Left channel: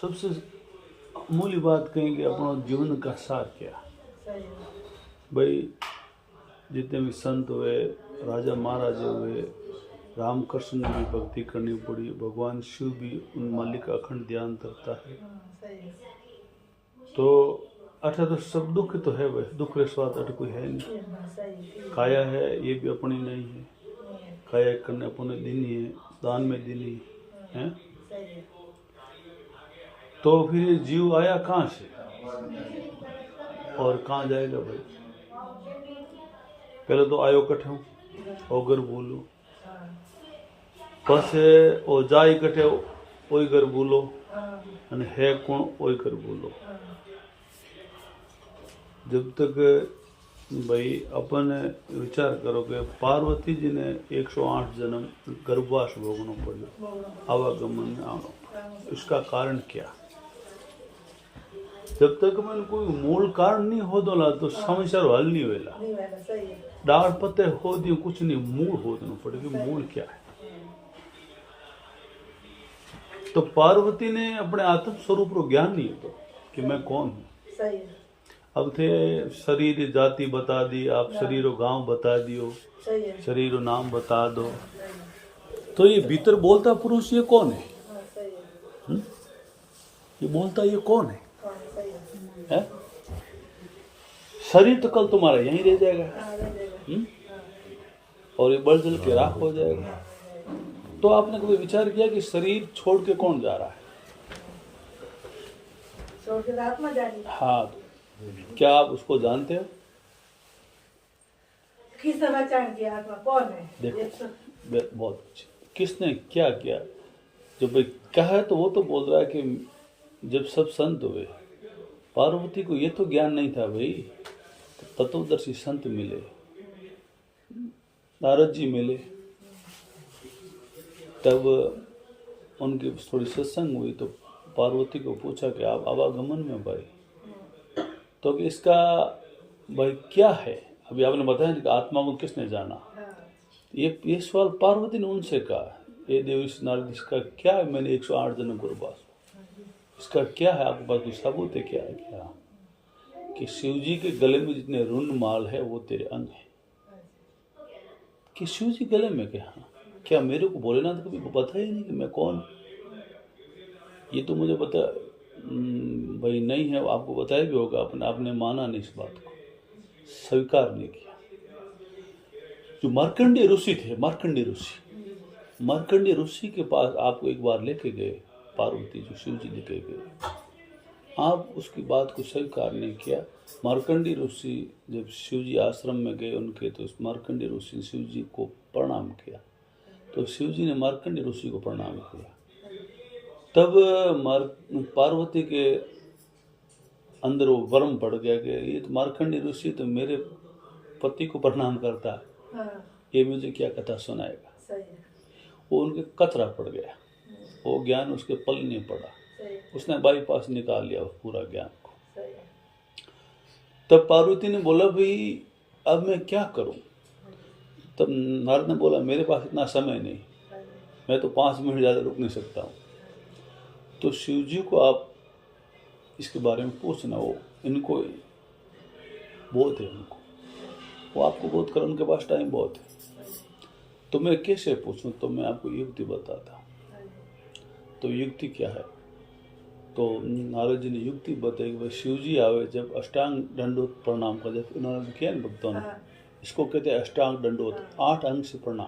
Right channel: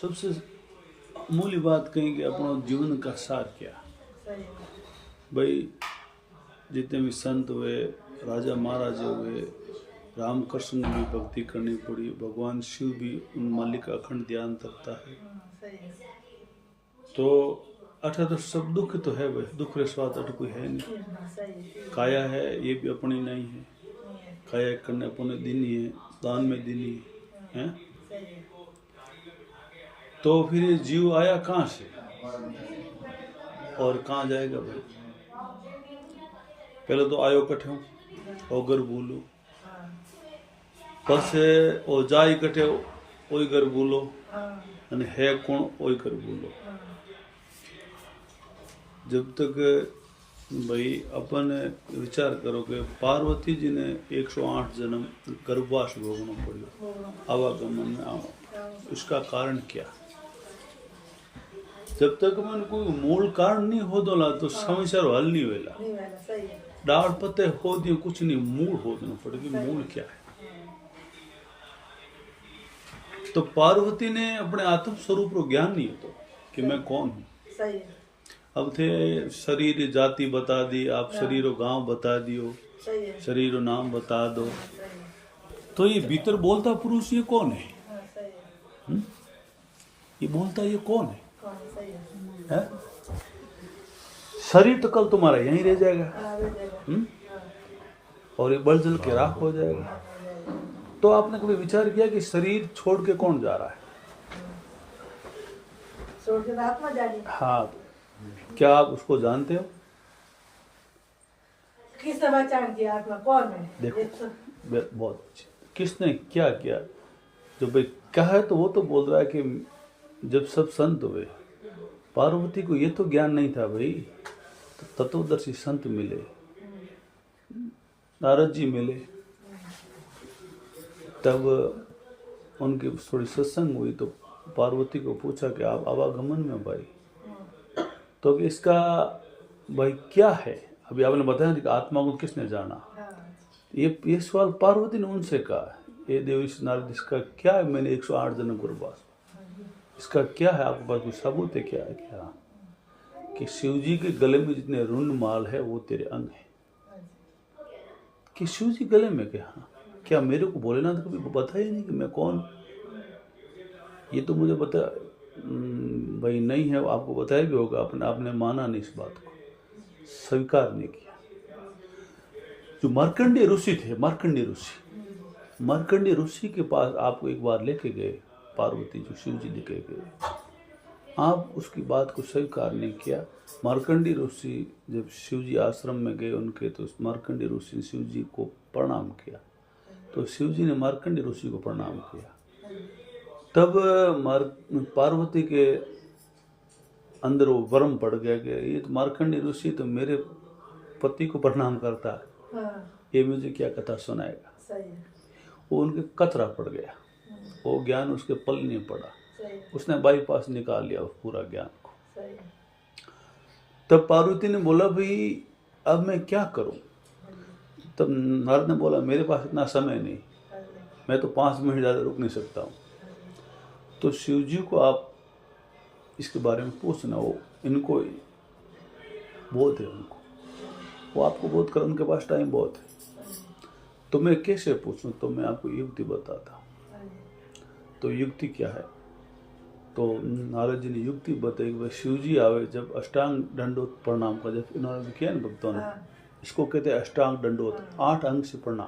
सबसे मूल्य बात कहें कि अपना जीवन का सार क्या। भाई जितने भी संत हुए, राजा महाराजा हुए, रामकृष्ण ने भी भक्ति करनी पड़ी, भगवान शिव भी उन मालिक का अखंड ध्यान रखता है। तो अठ तो सब दुख तो है भाई, दुख रे स्वाद अठ कोई है नहीं। काया है ये भी अपनी नहीं है, काया करने अपने दिन ही है, दान में दिन ही है। तो फिर ये जीव आया कहाँ से और कहाँ जाएगा भाई। पहले तो आयो कठे ओगर बोलो, पछे ओ जाई कठे ओई घर बोलो, अने है कौन ओई घर बोलो। जब तक भाई अपन विचार करो कि पार्वती जी ने 108 जन्म गर्भवास भोगना पड़ो, आवागमन में आना, इसका कारण क्या। जब तक मैंने कोई मूल कारण नहीं हो दोला तो समस्या हल नहीं वेला। डाल पत्ते हो दिए कुछ नहीं, मूल हो देना पड़ेगी। मूल क्या है। तो पार्वती ने अपने आत्म स्वरूप को ज्ञान नहीं तो कि मैं कौन हूँ। अब थे शरीर जाति बता दी, आप शरीर गांव बता दियो, शरीर नाम बता दो, तो ये भीतर बोलता पुरुष ये कौन है? ये बोलता ये कौन है? शरीर तो कल तुम्हारा यहीं रह जाएगा और ये बल जल के राख हो जाएगा। तो आपने कभी विचार किया कि शरीर छोड़ के कौन जा रहा है? छोड़ के आत्मा जा रही है। हाँ, क्या आप उसको जानते हो? किसने पहचान किया आत्मा कौन है? देखो बहुत अच्छे, किसने क्या किया? जो भाई कहा तो वो तो बोल रहा है कि जब सब संत हुए, पार्वती को ये तो ज्ञान नहीं था भाई। तो तत्वदर्शी संत मिले, नारद जी मिले, तब उनकी थोड़ी सत्संग हुई तो पार्वती को पूछा कि आप आवागमन में भाई, तो इसका भाई क्या है? अभी आपने बताया कि आत्मा को किसने जाना, ये सवाल पार्वती ने उनसे कहा। ये देव नारद इसका क्या है? मैंने 108 जन्म गुरुवास, इसका क्या है? आपके पास कोई सबूत है क्या? क्या कि शिव जी के गले में जितने रुंड माल है वो तेरे अंग है। कि शिव जी गले में क्या मेरे को भोलेनाथ कभी पता ही नहीं कि मैं कौन? ये तो मुझे पता भाई नहीं है, आपको बताया भी होगा, आपने माना नहीं, इस बात को स्वीकार नहीं किया। जो मार्कंडेय ऋषि थे, मार्कंडेय ऋषि के पास आपको एक बार लेके गए पार्वती, जो शिव जी लेके गए, आप उसकी बात को स्वीकार नहीं किया। मार्कंडेय ऋषि जब शिव जी आश्रम में गए उनके, तो मार्कंडेय ऋषि ने शिव जी को प्रणाम किया, तो शिव जी ने मार्कंडेय ऋषि को प्रणाम किया। तब पार्वती के अंदर वो वरम पड़ गया कि ये तो मार्कंडेय ऋषि तो मेरे पति को प्रणाम करता है, ये मुझे क्या कथा सुनाएगा। वो उनके कतरा पड़ गया, वो ज्ञान उसके पल नहीं पड़ा, उसने बाईपास निकाल लिया पूरा ज्ञान को। तब पार्वती ने बोला भाई अब मैं क्या करूं? तब नारद ने बोला मेरे पास इतना समय नहीं, मैं तो 5 मिनट ज़्यादा रुक नहीं सकता हूं। तो शिव जी को आप इसके बारे में पूछना, वो इनको बोध है, उनको वो आपको बोध कर, उनके पास टाइम बहुत है। तो मैं कैसे पूछूं? तो मैं आपको युक्ति बताता। तो युक्ति क्या है? तो नारद जी ने युक्ति बताई कि शिव जी आवे जब अष्टांग दंडोत प्रणाम कर, जब इन्होंने किया ना भक्तों ने, इसको कहते हैं अष्टांग दंडोत, 8 अंग से प्रणाम।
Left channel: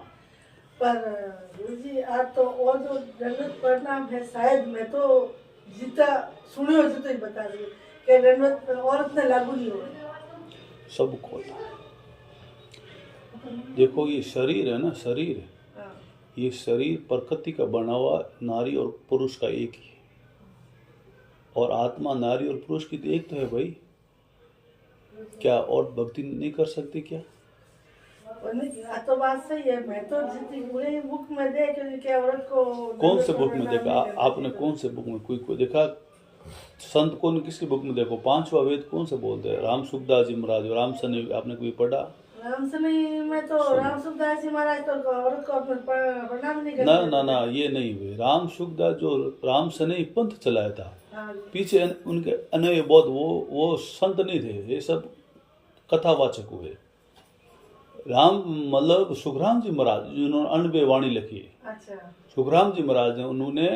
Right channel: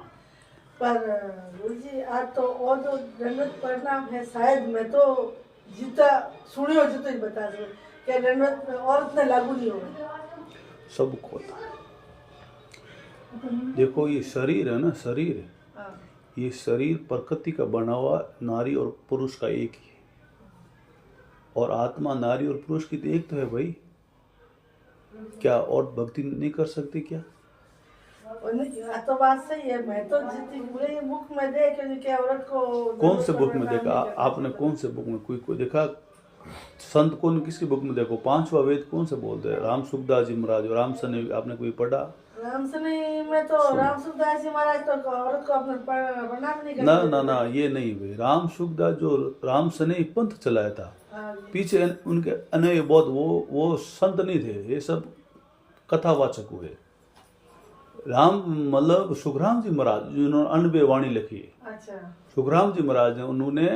पर गुरु जी आज तो और जो दंडोत प्रणाम है, शायद मैं तो जितना सुनियो जितना ही बता दो कि दंडोत और इतना लागू नहीं होगा। सब होता है। देखो ये शरीर है ना, शरीर, ये शरीर प्रकृति का बना हुआ नारी और पुरुष का एक ही है, और आत्मा नारी और पुरुष की तो एक तो है भाई। क्या और भक्ति नहीं कर सकती क्या? तो बात सही है। मैं तो जितनी पूरे बुक में देखे कि औरत को कौन से बुक में देखा आपने? कौन से बुक में? कोई देखा? संत कौन, किसकी बुक में देखो? 5वां वेद कौन से बोलते हैं? राम सुखदास जी महाराज, राम सन आपने कोई पढ़ा? राम सनी में तो राम सुखदास जी महाराज तो औरत को अपने प्रणाम नहीं ना करते। ना ना, ये नहीं हुए। राम सुखदास जो राम सनई पंथ चलाया था, हाँ जी। पीछे उनके अन्य बहुत वो संत नहीं थे, ये सब कथावाचक हुए। राम मतलब सुखराम जी महाराज जिन्होंने 99 वाणी लिखी है, अच्छा। सुखराम जी महाराज ने, उन्होंने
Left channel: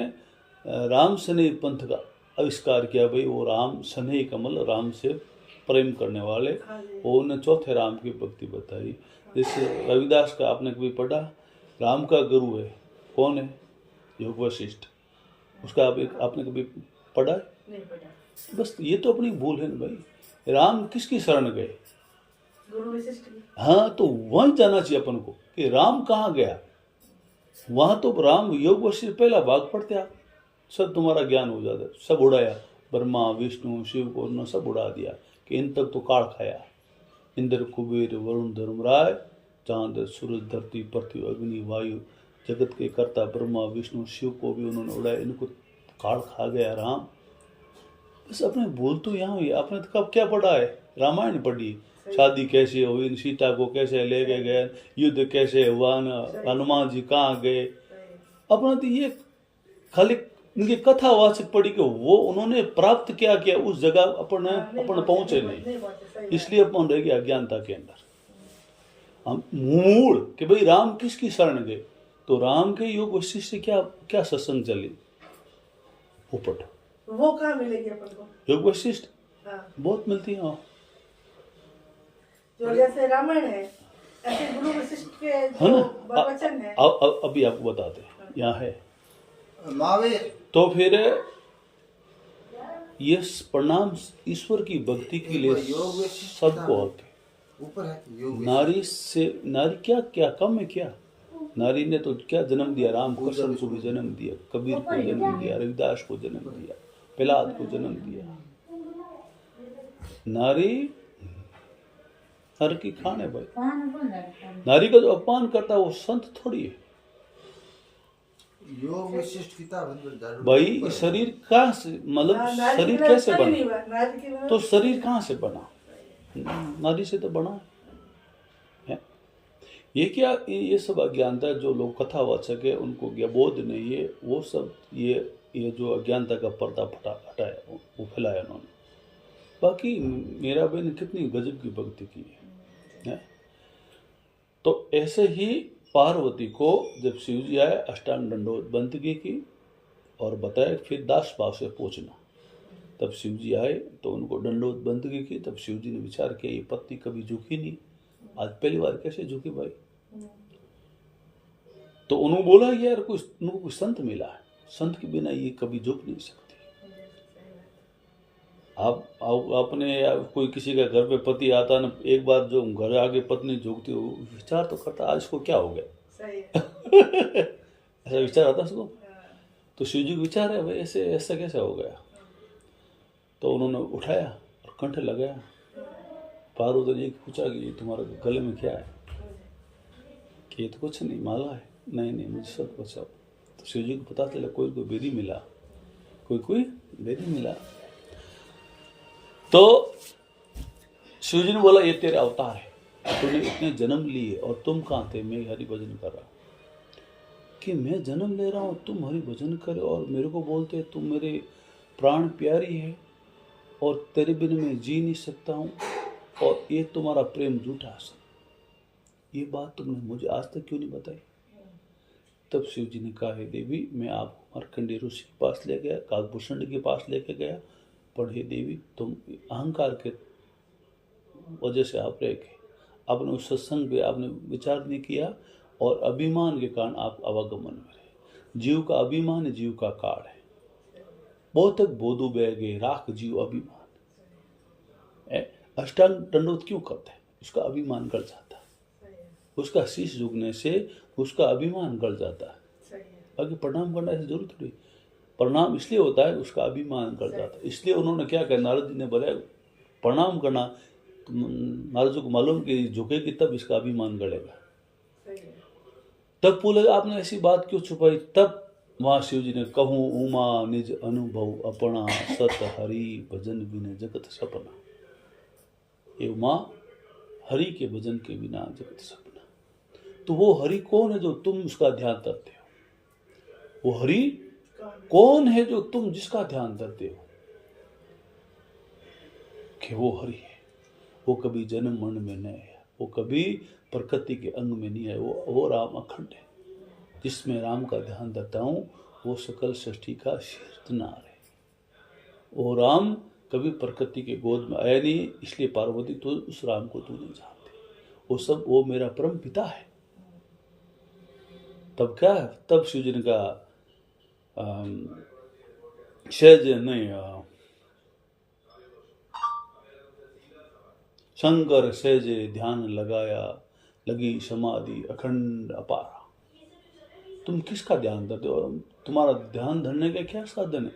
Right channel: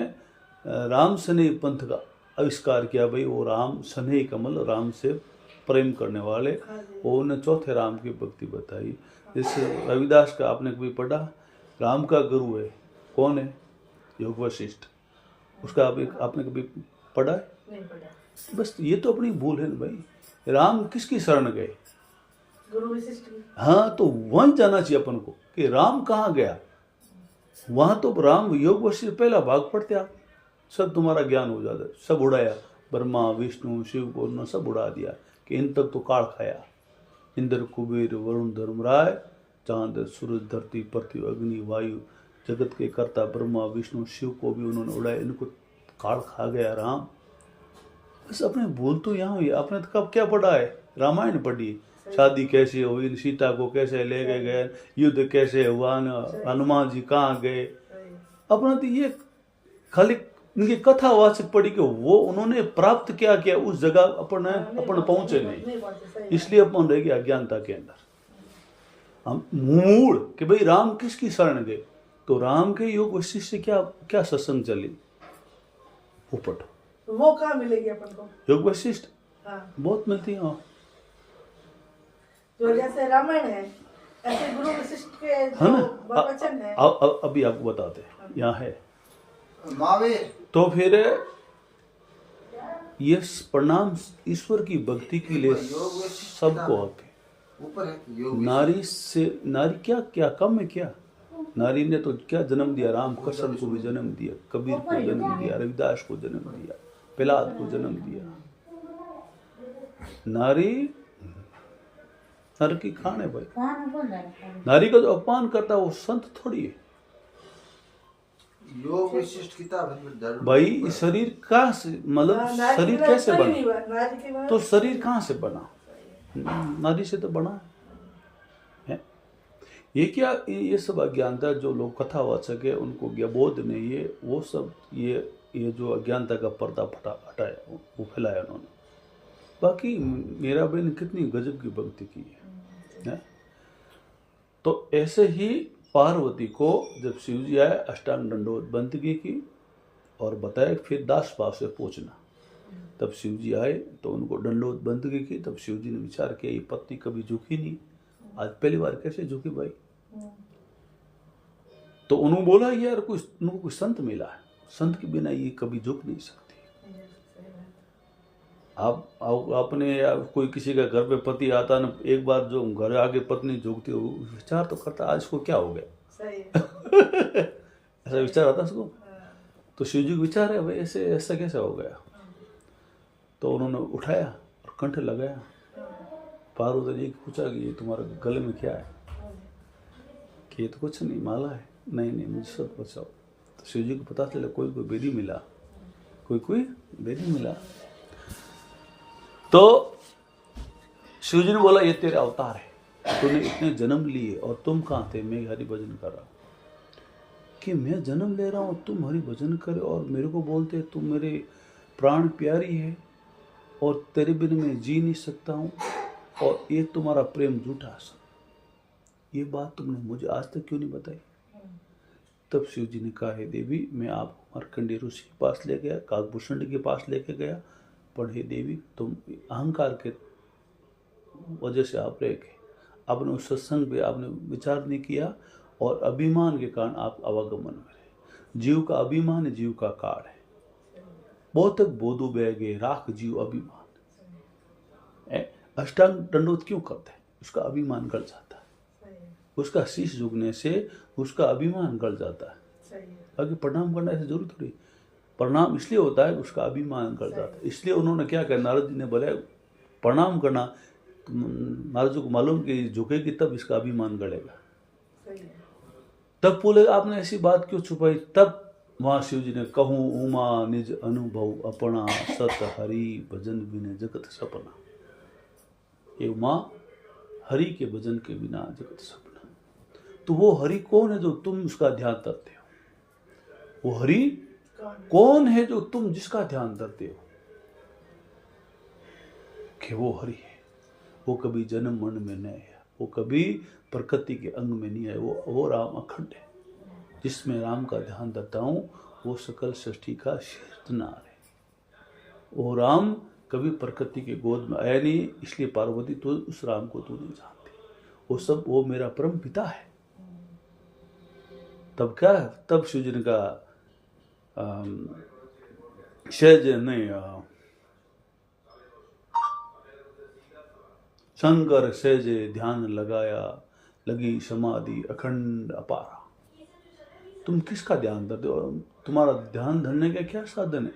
राम सनेही पंथ का आविष्कार किया। भाई वो राम सनेही का मतलब राम से प्रेम करने वाले, हाँ जी। वो उन्हें चौथे राम की भक्ति बताई। जैसे रविदास का आपने कभी पढ़ा, राम का गुरु है कौन है? योग वशिष्ठ। उसका आपने कभी पढ़ा है? नहीं पढ़ा। बस ये तो अपनी भूल है ना भाई। राम किसकी शरण गए? गुरु वशिष्ठ की। हाँ, तो वहीं जाना चाहिए अपन को कि राम कहाँ गया। वहां तो राम योग वशिष्ठ पहला भाग पढ़ते आप, सब तुम्हारा ज्ञान हो जाता। सब उड़ाया, ब्रह्मा विष्णु शिव को उन्होंने सब उड़ा दिया कि इन तक तो काल खाया। इंद्र कुबेर वरुण धर्मराय, चांद सूरज धरती पृथ्वी अग्नि वायु, जगत के कर्ता ब्रह्मा विष्णु शिव को भी उन्होंने उड़ाया। इनको काल खा गया राम। बस अपने भूल तो यहाँ हुई। आपने तो कब क्या पढ़ा है? रामायण पढ़ी, शादी कैसे हुई, सीता को कैसे ले गए, युद्ध कैसे हुआ, हनुमान जी कहाँ गए। अपना तो ये खाली इनकी कथावाचक पढ़ी कि वो उन्होंने प्राप्त क्या किया उस जगह अपन पहुंचे नहीं। इसलिए अपन रह गए अज्ञानता के अंदर। हम मूल कि भाई राम किसकी शरण गए, तो राम के योग वशिष्ठ से क्या क्या सत्संग चली, वो पढ़ो। वो कहाँ मिलेगी अपन को? योग वशिष्ठ हाँ। बहुत मिलती है। जो जैसे रामायण है ऐसे गुरु वशिष्ठ के है जो ना? वचन है। अभी आपको बताते हैं, यहाँ है। महावीर तो फिर ये प्रणाम ईश्वर की भक्ति के लिए सबको आके ऊपर है योग। नारी से नारी क्या क्या कम है क्या? नारी ने तो क्या जन्म दिया, राम कृष्ण को भी जन्म दिया, कबीर को जन्म दिया, रविदास को जन्म दिया, प्रहलाद को जन्म दिया। नारी नर की खान है भाई। नारी का जो अपमान करता है वो संत थोड़ी है योग विशिष्ट किताब है भाई। इस शरीर कहाँ से, मतलब शरीर कैसे बना? तो शरीर कहाँ से बना? नारी से तो बना है। ये क्या, ये सब अज्ञानता जो लोग कथावाचक है उनको बोध नहीं है, वो सब ये जो अज्ञानता का पर्दा हटाया, वो फैलाया उन्होंने। बाकी मेरा बहन ने कितनी गजब की भक्ति की है। तो ऐसे ही पार्वती को जब शिव जी आए, अष्टांग दंडोत बंदगी की और बताया फिर दास भाव से पूछना। तब शिव जी आए तो उनको दंडोत बंदगी की। तब शिव जी ने विचार किया ये पत्नी कभी झुकी नहीं, आज पहली बार कैसे झुकी भाई। तो उन्होंने बोला यार उनको कोई संत मिला है, संत के बिना ये कभी झुक नहीं सकती। आप अपने कोई किसी का घर पे पति आता ना, एक बार जो घर आके पत्नी झुकती हो, विचार तो करता आज इसको क्या हो गया। ऐसा विचार आता उसको। तो शिव जी को विचार है भाई ऐसे ऐसा कैसे हो गया। तो उन्होंने उठाया और कंठ लगाया। पार्वती जी को पूछा कि ये तुम्हारे गले में क्या है? कि ये तो कुछ नहीं, माला है। नहीं नहीं, मुझे सब बचाओ। तो शिव जी को पता चला कोई बेरी मिला, कोई बेरी मिला। तो शिव जी ने बोला ये तेरा अवतार है, तूने इतने जन्म लिए और तुम कहाँ थे? मैं हरि भजन कर रहा। कि मैं जन्म ले रहा हूँ, तुम हरि भजन कर और मेरे को बोलते तुम मेरे प्राण प्यारी है और तेरे बिना मैं जी नहीं सकता हूँ और ये तुम्हारा प्रेम झूठा है। ये बात तुमने मुझे आज तक क्यों नहीं बताई? तब शिव जी ने कहा है देवी, मैं आपको मार्कंडेय ऋषि के पास ले गया, काकभूषण के पास लेके गया, पर हे देवी तुम अहंकार के वजह से आप रह गए। आपने उस सत्संग पे आपने विचार नहीं किया और अभिमान के कारण आप अवगमन में रहे। जीव का अभिमान है, जीव का काल है। बहुत तक बोधु बह गए, राख जीव अभिमान। अष्टांग दंडोत क्यों करता है? उसका अभिमान गल जाता है। उसका शीश झुकने से उसका अभिमान गल जाता है। बाकी प्रणाम करना ऐसे जरूर थोड़ी। प्रणाम इसलिए होता है उसका अभिमान गल जाता है। इसलिए उन्होंने क्या कहा, नारद जी ने बोला प्रणाम करना। नारद जी को मालूम कि झुकेगी तब इसका अभिमान गलेगा। तब बोले आपने ऐसी बात क्यों छुपाई? तब वहां शिव जी ने कहूँ उमा निज अनुभव अपना, सत हरि भजन बिने जगत सपना। ये उमा हरि के भजन के बिना जगत सपना। तो वो हरि कौन है जो तुम उसका ध्यान करते हो? वो हरि कौन है जो तुम जिसका ध्यान करते हो? कि वो हरि है। वो कभी जन्म मरण में नहीं है, वो कभी प्रकृति के अंग में नहीं है। वो राम अखंड है। जिसमें राम का ध्यान करता हूं वो सकल सृष्टि का शीर्षनार है। वो राम कभी प्रकृति के गोद में आया नहीं, इसलिए पार्वती तो उस राम को तू नहीं जानती। वो मेरा परम पिता है। तब क्या है? तब शिव जी ने कहा सहज नहीं, शंकर सहजे ध्यान लगाया, लगी समाधि अखंड अपार। तुम किसका ध्यान करते हो? तुम्हारा ध्यान धरने का क्या साधन है?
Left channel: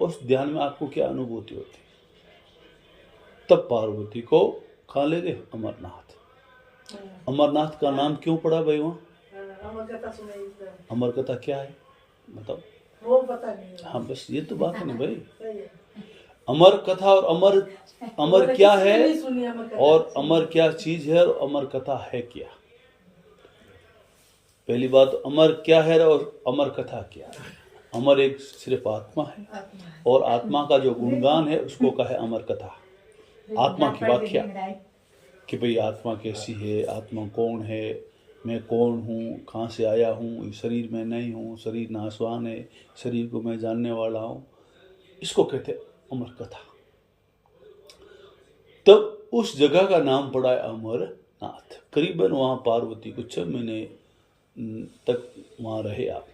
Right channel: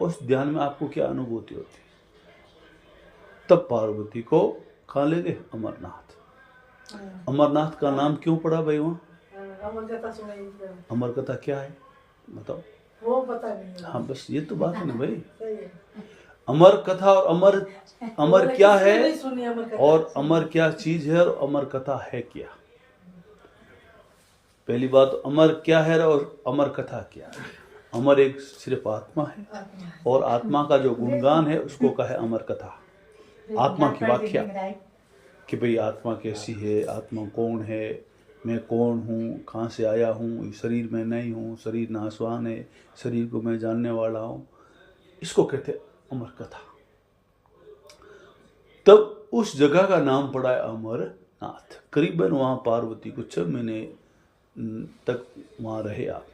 उस ध्यान में आपको क्या अनुभूति होती? तब पार्वती को कहाँ ले गए? अमरनाथ। अमरनाथ का नाम क्यों पड़ा भाई वहाँ? अमर कथा सुनाई। अमर कथा क्या है बताओ? वो पता नहीं। हाँ बस ये तो बात है ना भाई। सही है। अमर कथा और अमर क्या है, नहीं सुनी अमर कथा। और अमर क्या चीज है, और अमर कथा है क्या? पहली बात, अमर क्या है और अमर कथा क्या है? अमर एक सिर्फ आत्मा है, और आत्मा का जो गुणगान है उसको कहे अमर कथा। आत्मा की व्याख्या कि भाई आत्मा कैसी है, आत्मा कौन है, मैं कौन हूँ, कहाँ से आया हूँ, इस शरीर में नहीं हूँ, शरीर नाशवान है, शरीर को मैं जानने वाला हूँ, इसको कहते अमर कथा। तब उस जगह का नाम पड़ा है अमरनाथ। करीबन वहाँ पार्वती को 6 महीने तक वहाँ रहे आप।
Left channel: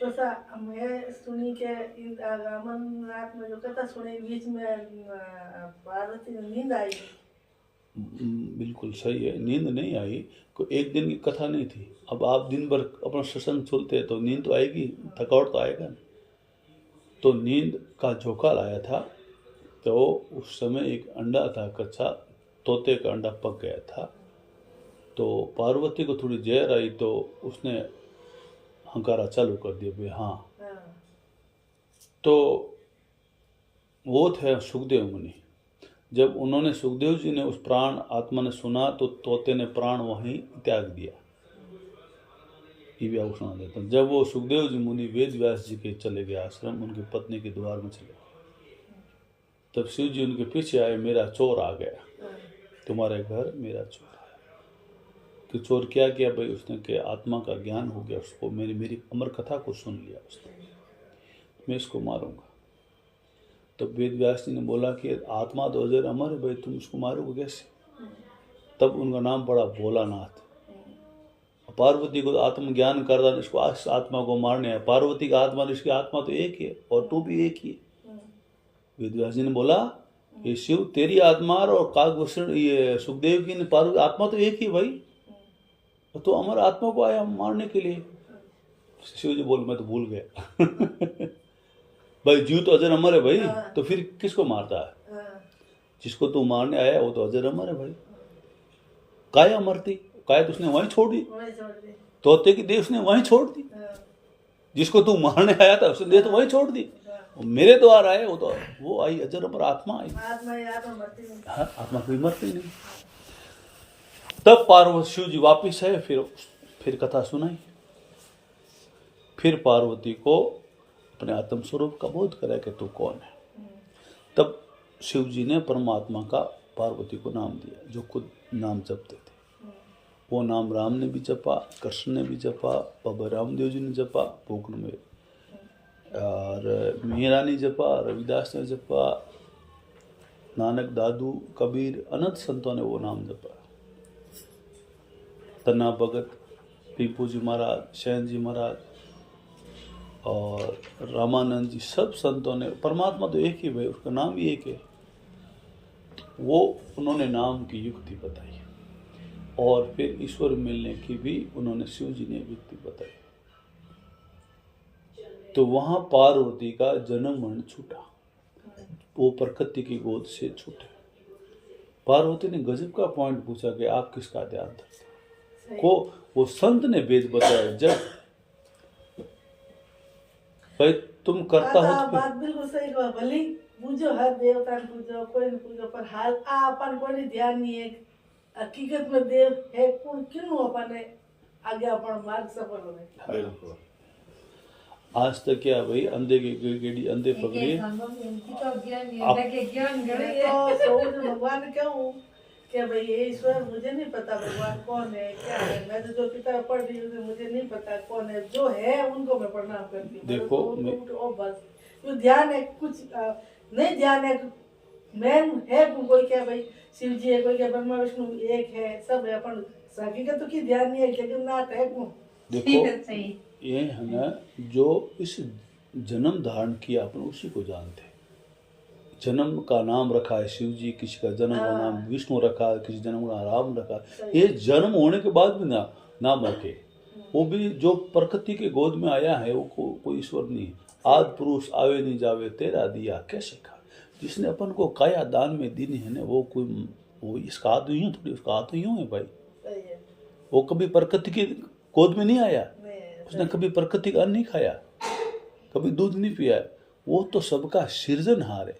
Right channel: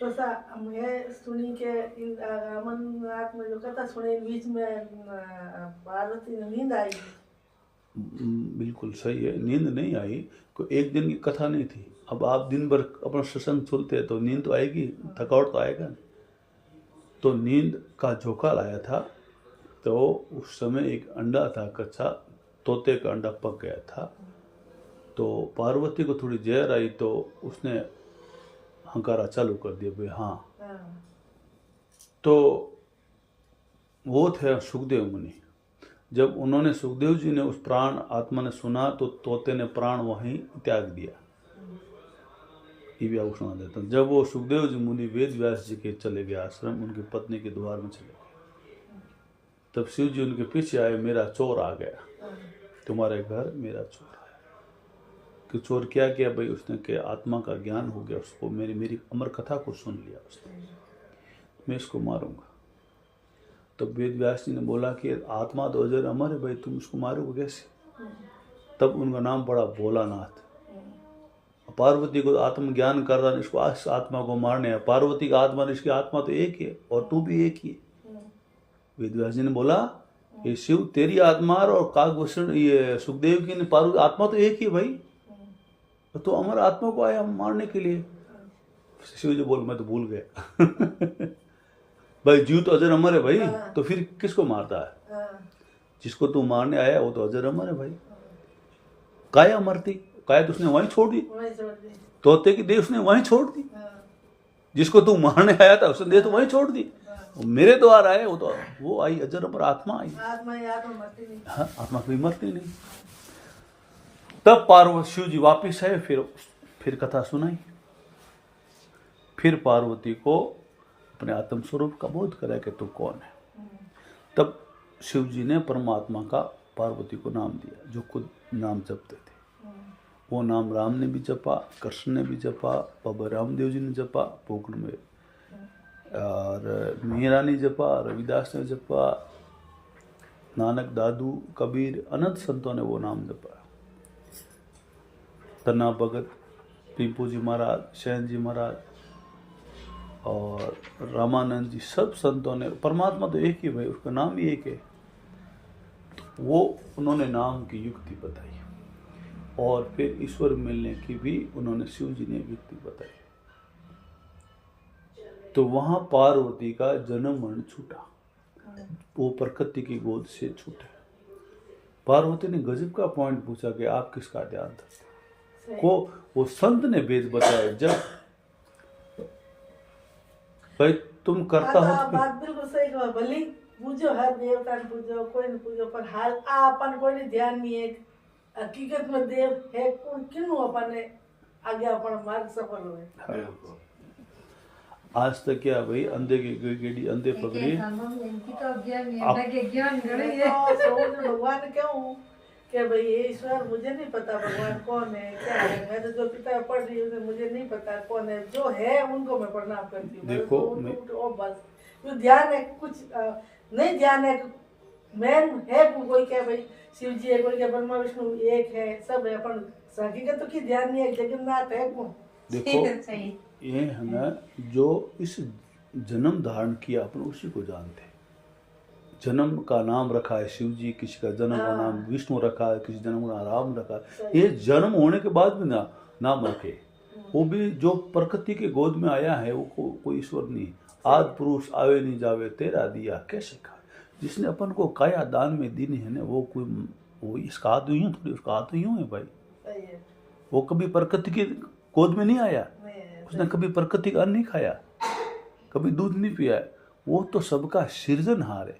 तो मैं सुनी के अमरनाथ में जो कथा सुनी, बीच में पार्वती ने नींद आई। बिल्कुल सही है, नींद नहीं आई। कोई एक दिन की कथा नहीं थी। अब आप दिन भर अपना सत्संग सुनते हैं तो नींद तो आएगी, थकावट तो आएगा। तो नींद का झोंका लाया था। तो उस समय एक अंडा था कच्चा, तोते का अंडा पक गया था। तो पार्वती को थोड़ी जहर आई तो उसने हंकारा चालू कर दिया भाई हाँ। तो वो थे सुखदेव मुनि। जब उन्होंने, सुखदेव जी ने उस प्राण आत्मा ने सुना तो तोते ने प्राण वहीं त्याग दिया। ये भी आपको सुना देता हूँ। जब वो सुखदेव जी मुनि वेद व्यास जी के चले गए आश्रम, उनकी पत्नी के द्वार में चले गए, तब शिव जी उनके पीछे आए, मेरा चोर आ गया, तुम्हारे घर मेरा चोर आया। कि चोर क्या किया भाई? उसने के आत्मा का ज्ञान हो गया उसको, मेरी अमर कथा को सुन लिया उसने, मैं इसको मारूंगा। तब वेद व्यास जी ने बोला कि आत्मा तो अजर अमर है भाई, तुम उसको मारोगे कैसे? तब उनका नाम पड़ा भोलानाथ। पार्वती को आत्म ज्ञान कर रहा, इसको आत्मा को मारने है। पार्वती का आत्मा, इसकी आत्मा तो एक है और तू भी एक ही। वेद व्यास जी ने बोला ये शिव तेरी आत्मा और काकभूषण ये सुखदेव की पार्वती आत्मा तो एक ही भाई, तो अमर आत्मा को आया मारने के लिए। शिव जी बोल मैं तो भूल गया भाई जीव तो अजर अमर है भाई, तो फिर किसको मारता है? जिसको तू मारने आया वो तो अजर अमर है भाई। काया मरती, काया तो उसने वहीं छोड़ दी, तोते की देह उसने वहीं छोड़ दी। जिसको तू मारने आया था उसने देह तो वहीं छोड़ दी। मेरे द्वार आए वो तो वो आई अजर अमर आत्मा आई। हाँ, आत्मा कभी मरती नहीं। तब पार्वती शिव जी वापिस आए, फिर कथा सुनाई। फिर पार्वती को अपने आत्म स्वरूप का बोध करा कि तू कौन है। तब शिव जी ने परमात्मा का पार्वती को नाम दिया, जो खुद नाम जपते थे। वो नाम राम ने भी जपा, कृष्ण ने भी जपा, बाबा रामदेव जी ने जपा पोखरण में, और मीरा ने जपा, रविदास ने जपा, नानक, दादू, कबीर, अनंत संतों ने वो नाम जपा। तना भगत, पीपू जी महाराज, शैन जी महाराज और रामानंद जी, सब संतों ने, परमात्मा तो एक ही भाई, उसका नाम ही एक है। वो उन्होंने नाम की युक्ति बताई, और फिर ईश्वर मिलने की भी उन्होंने शिव जी ने युक्ति बताई। तो वहां पार्वती का जन्म मरण छूटा, वो प्रकृति की गोद से छूटे। पार्वती ने गजब का पॉइंट पूछा कि आप किसका ध्यान करते को? वो संत ने वेद बताया, जब भाई तुम करता हो तो बात बिल्कुल सही कहो। भले पूजो, हर देवता ने पूजो, कोई ने पूजो, पर हाल अपन कोई ध्यान नहीं है। हकीकत में देव है कौन किनु अपने आगे अपन मार्ग सफल हुए। आज तक क्या भाई अंधे की गेड़ी अंधे पकड़े तो सोच भगवान ने क्यों कि भाई ये ईश्वर मुझे नहीं पता भगवान कौन है क्या है, मैं तो जो पिता पढ़ रही हूँ मुझे नहीं पता कौन है, जो है उनको मैं प्रणाम करती हूँ। देखो, तो बस जो ध्यान है कुछ नहीं ध्यान है मैन है कोई क्या भाई शिव जी है कोई क्या ब्रह्मा विष्णु एक है सब है अपन हकीकत तो की ध्यान नहीं है लेकिन नाट है कौन। देखो ये है ना जो इस जन्म धारण किया अपन उसी को जानते हैं। जन्म का नाम रखा है शिव जी, किसी का जन्म का नाम विष्णु रखा है, किसी जन्म का राम रखा है। ये जन्म होने के बाद भी नाम रखे, वो भी जो प्रकृति के गोद में आया है वो कोई ईश्वर नहीं। आदि पुरुष आवे नहीं जावे तेरा दिया कैसे खा, जिसने अपन को काया दान में दी है ना वो इसका हाथ यूं थोड़ी, उसका हाथ यूं है भाई। वो कभी प्रकृति की गोद में नहीं आया, उसने कभी प्रकृति का अन्न नहीं खाया, कभी दूध नहीं पिया। वो तो सबका सृजनहार है,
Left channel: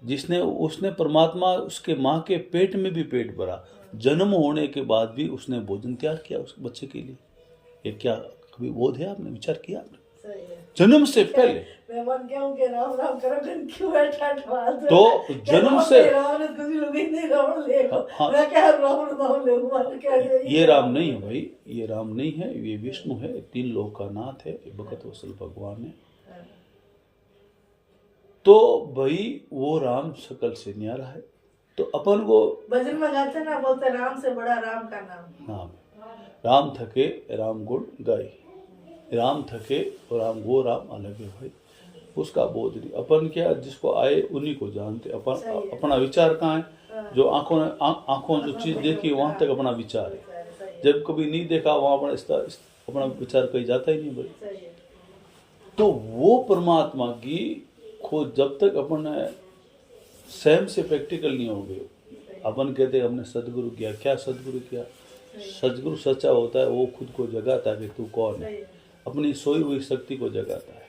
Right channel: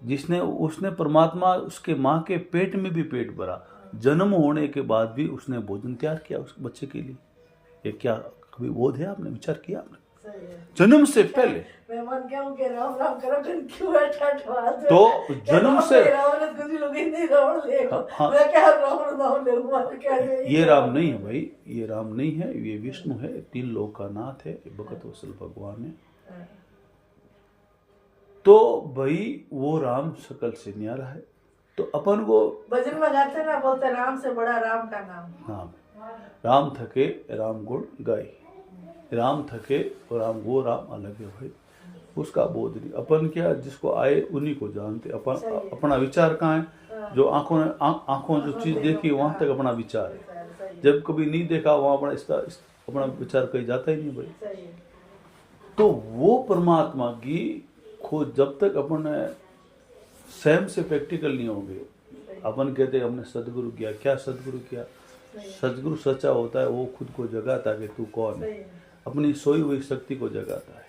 जिसने उसने परमात्मा उसके माँ के पेट में भी पेट भरा, जन्म होने के बाद भी उसने भोजन तैयार किया उस बच्चे के लिए। ये क्या कभी बोध है, आपने विचार किया आपने? जन्म से पहले तो जन्म से ये राम नहीं है भाई, ये राम नहीं है, ये विष्णु है, तीन लोक का नाथ है, भगत वत्सल भगवान है। तो भाई वो राम सकल से न्यारा है। तो अपन को भजन में गाते ना बोलते राम से बड़ा राम का नाम। हाँ, राम थके राम गुण गाय, राम थके और राम वो राम अलग है भाई, उसका बोध नहीं। अपन क्या जिसको आए उन्हीं को जानते। अपन अपना विचार कहाँ है, जो आंखों जो चीज देखी वहां तक अपना विचार है, जब कभी नहीं देखा वहां अपना विचार कहीं जाता ही नहीं भाई। तो वो परमात्मा की खोज जब तक अपन स्वयं से प्रैक्टिकल नहीं होंगे। अपन कहते हैं हमने सदगुरु किया, क्या सदगुरु किया? सदगुरु सच्चा होता है, वो खुद को जगाता है कि तू कौन है, अपनी सोई हुई शक्ति को जगाता है।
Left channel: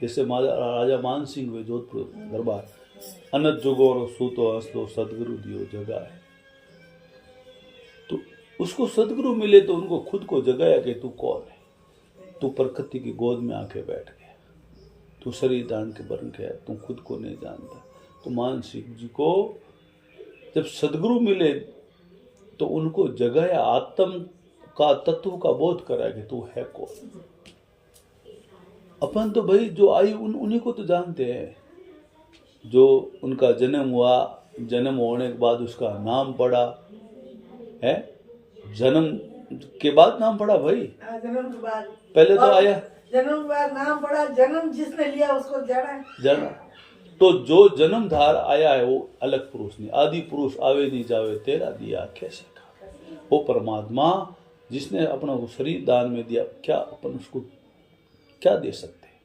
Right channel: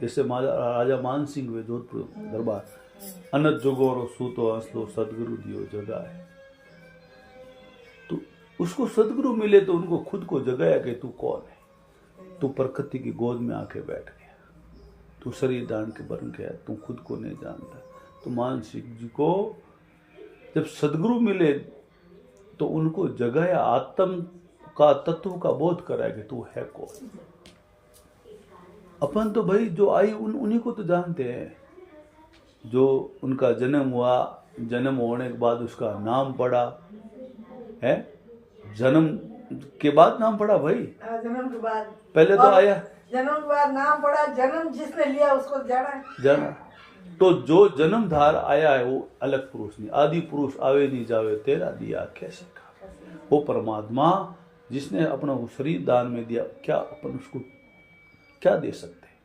जैसे राजा मान सिंह हुए जोधपुर दरबार, अनत जुगोरो सूतो हंसलो सदगुरु दियो जगा है। तो उसको सदगुरु मिले तो उनको खुद को जगाया कि तू कौन है। तू प्रकृति की गोद में आके बैठ गया, तू शरीर दान के बन गया, तू खुद को नहीं जानता। तो मान सिंह जी को जब सदगुरु मिले तो उनको जगाया, आत्म का तत्व का बोध कराया कि तू है कौन। अपन तो भाई जो आई उन्हीं को तो जानते हैं। जो उनका जन्म हुआ, जन्म होने के बाद उसका नाम पड़ा है, जन्म के बाद नाम पड़ा भाई, जन्म के बाद पहले तो आया जन्म के बाद नाम पड़ा, जन्म जिसने लिया उसको जाना। तो जो जन्मधार आया है वो अलग पुरुष नहीं, आदि पुरुष आवे नहीं जावे तेरा दिया कैसे खा। वो परमात्मा जिसने अपना वो शरीर दान में दिया, क्या अपन उसको क्या दे सकते हैं?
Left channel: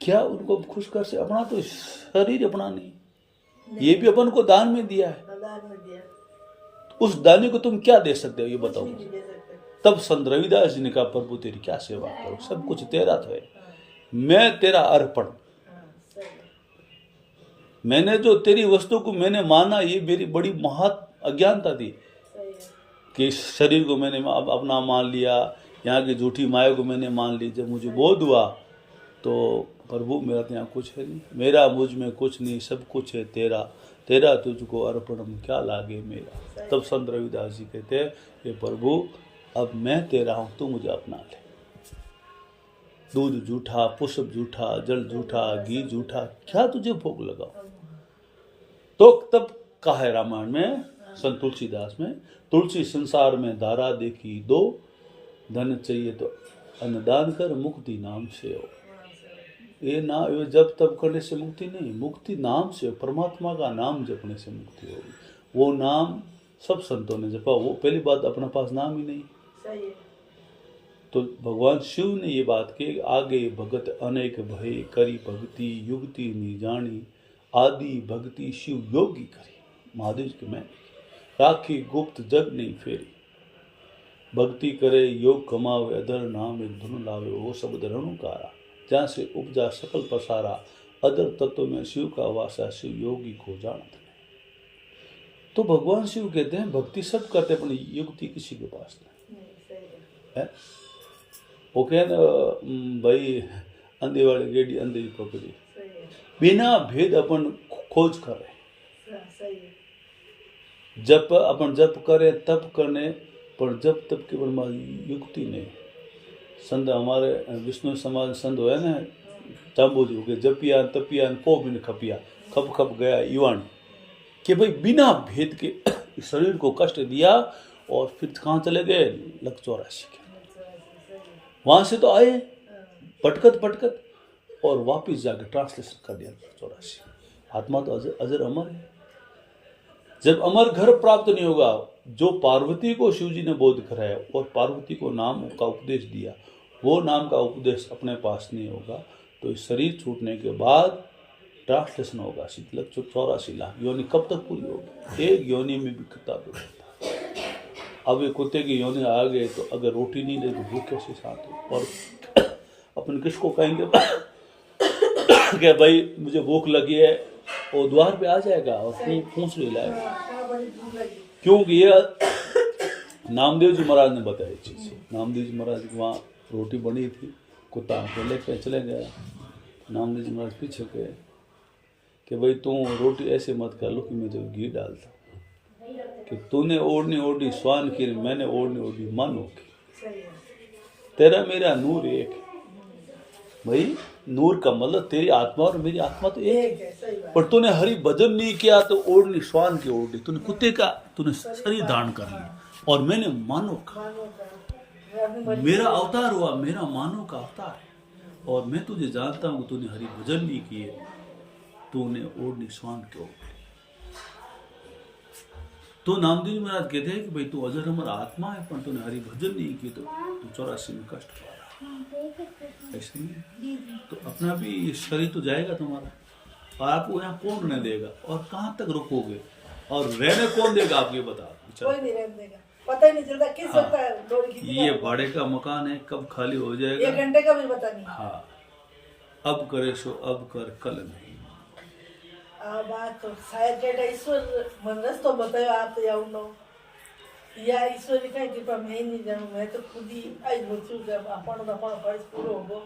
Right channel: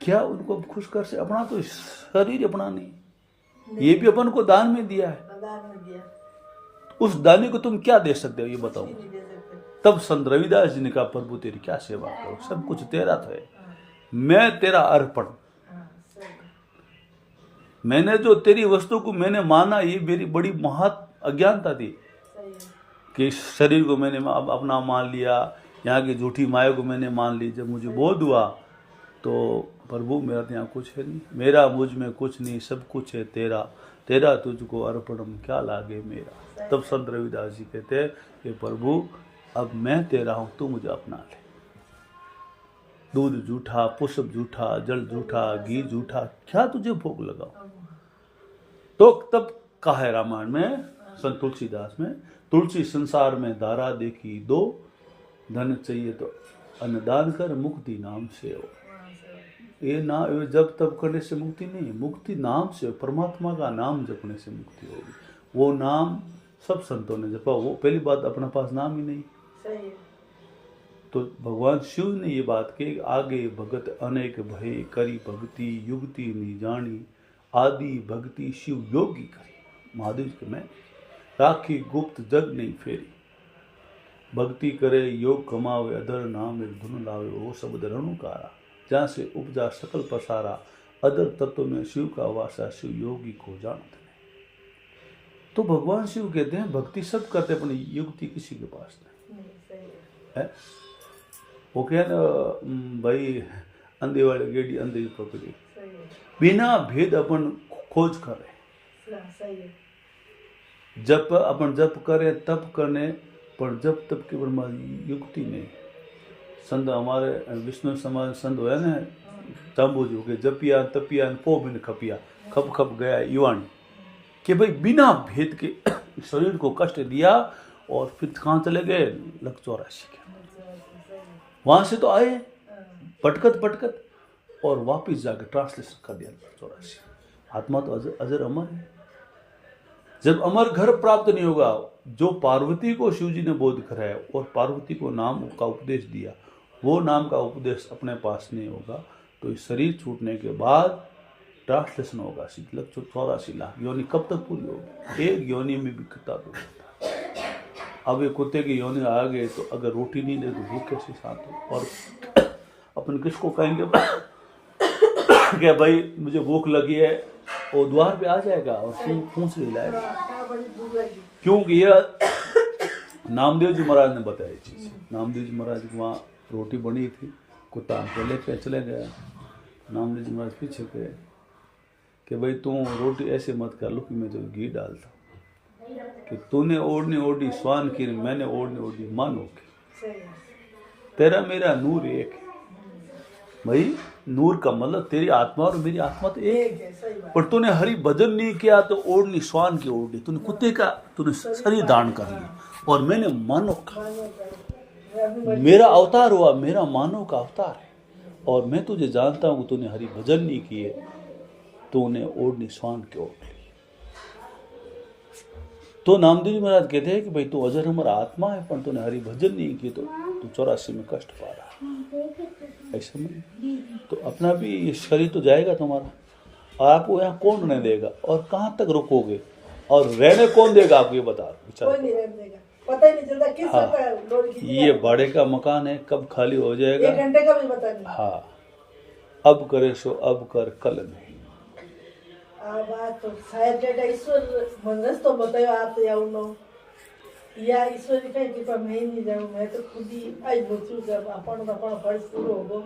क्या उनको खुश कर से? अपना तो शरीर अपना नहीं, ये भी अपन को दान में दिया है। उस दाने को तुम क्या दे सकते हो ये बताओ। तब संत रविदास जी ने कहा प्रभु तेरी क्या सेवा करो, सब कुछ तेरा था, मैं तेरा अर्पण। मैंने जो तेरी वस्तु को मैंने माना, ये मेरी बड़ी महत अज्ञानता थी कि इस शरीर को मैंने अपना मान लिया, यहाँ की झूठी माया को मैंने मान ली। जब मुझे बोध हुआ तो प्रभु मेरा तो यहाँ कुछ है नहीं, मेरा मुझ में कुछ नहीं, सब कुछ है तेरा, तेरा तुझको अर्पणम क्या लागे मेरा। तब संत रविदास जी कहते हैं कि प्रभु अब मैं तेरा हूँ, तू मुझे अपना ले। दूध झूठा, पुष्प झूठा, जल झूठा, घी झूठा, क्या तुझे भोग लगाओ। तो तब कहा है रामायण में संत तुलसीदास में, तुलसी संसार में धारा देखी दो, धन चाहिए तो अन्नदान कर मुक्ति नाम से हो। ये ना जब तब करने से मुक्ति नहीं, मुक्ति नाम से हो, परमात्मा का नाम जपने से मुक्ति होगी। वो नाम सब संतों ने जपा। वो पहली बात अपने पास नाम ही नहीं, सही है। तो भगवान शिव ने ये बात की, आगे भगत अनेक भय करी भक्ति युक्ति नी जानी, आदि भक्ति शिव योगी करी। महादेव के मैं राखी गुप्त जग नहीं फेरी, भक्ति करे योग कमावे अदर नाम एक धुन लावे, वो शब्द रणुकारा जहाँ से उपजा सकल पसारा, अदर तत्व में शिव का वासा शिव योगी को जानत। तो भगवान शिव कहते हैं भक्ति सब करते हैं, पर युक्ति किसी के पास नहीं सही है। वो कहे ना भाई अंधे वाले गेड़ी अंधे की पकड़ी, है बिना भेद अपन खोज करे। सही है जप अपन जप करे तप करने, पर जप तप के ब्रह्मा युक्ति नहीं। संत हमारे विष्णु समाज संत हुआ ना चांबू जी के जपिया तपिया पो बिन खपिया खप खप गया युवानी, कि भाई बिना भेद के शरीर को कष्ट दिया और फिर कहाँ चले गए लक 84 के। वहां से तो आए पटकत पटकत और वापिस जाके ट्रांसलेशन कर दिया 84। आत्मा तो अजर अमर है। जब अमर घर प्राप्त नहीं होगा, जो पार्वती को शिव जी ने बोध कराया और पार्वती को नाम का उपदेश दिया, वो नाम का उपदेश अपने पास नहीं होगा, तो इस शरीर छूटने के बाद ट्रांसलेशन होगा 84 लाख योनि कब तक पूरी होगी? एक योनि में भी कितना दूर होता है। अब ये कुत्ते की योनि आ गए तो अगर रोटी नहीं ले तो भूख कैसे शांत हो? और अपन किसको कहेंगे कि भाई मुझे भूख लगी है, वो द्वार पे आ जाएगा और पूछ नहीं लाएगा। क्योंकि यह नामदेव जी महाराज ने बताया चीज। नामदेव जी महाराज की वहाँ रोटी बनी थी, कुत्ता आके लेके चले गया। नामदेव जी महाराज पीछे गए कि भाई तू रोटी ऐसे मत कर लो कि मैं तो घी डालता हूँ, कि तूने ओढ़नी ओढ़ी स्वान की, मैंने ओढ़नी ओढ़ी मानो की, तेरा मेरा नूर एक है। भाई नूर का मतलब तेरी आत्मा और मेरी आत्मा तो एक है, पर तूने हरि भजन नहीं किया तो ओढ़नी स्वान की ओढ़ी, तूने कुत्ते का तूने शरीर दान कर लिया और मैंने मानव का, मेरा अवतार हुआ, मेरा मानव का अवतार है। और मैं तुझे जानता हूँ तूने हरि भजन नहीं किए, तूने ओढ़नी स्वान के ओढ़। तो नामदेव जी महाराज कहते हैं कि भाई तू अजर अमर आत्मा है, पर तूने हरि भजन नहीं की तो तू 84 में कष्ट पा रहा है। ऐसे नहीं तो अपना भी ये शरीर तो जाएगा तुम्हारा, और आपको यहाँ कौन रहने देगा और कहाँ तक रुकोगे और रहने कौन देगा? आप ये बता कोई नहीं रहने देगा, पता ही नहीं चलता किस वक्त ये भाड़े का मकान है, कब खाली हो जाएगा 1 घंटे का भी पता नहीं। हाँ, अब करे सो अब कर, कल नहीं। तो शायद जेटा ईश्वर मनस तो बतायो आप तो याउनो या ईश्वर की कहीं कृपा मैं ही नहीं जाऊँ, मैं तो खुद ही आई बच्चों का अपन फर्ज पूरा होगो।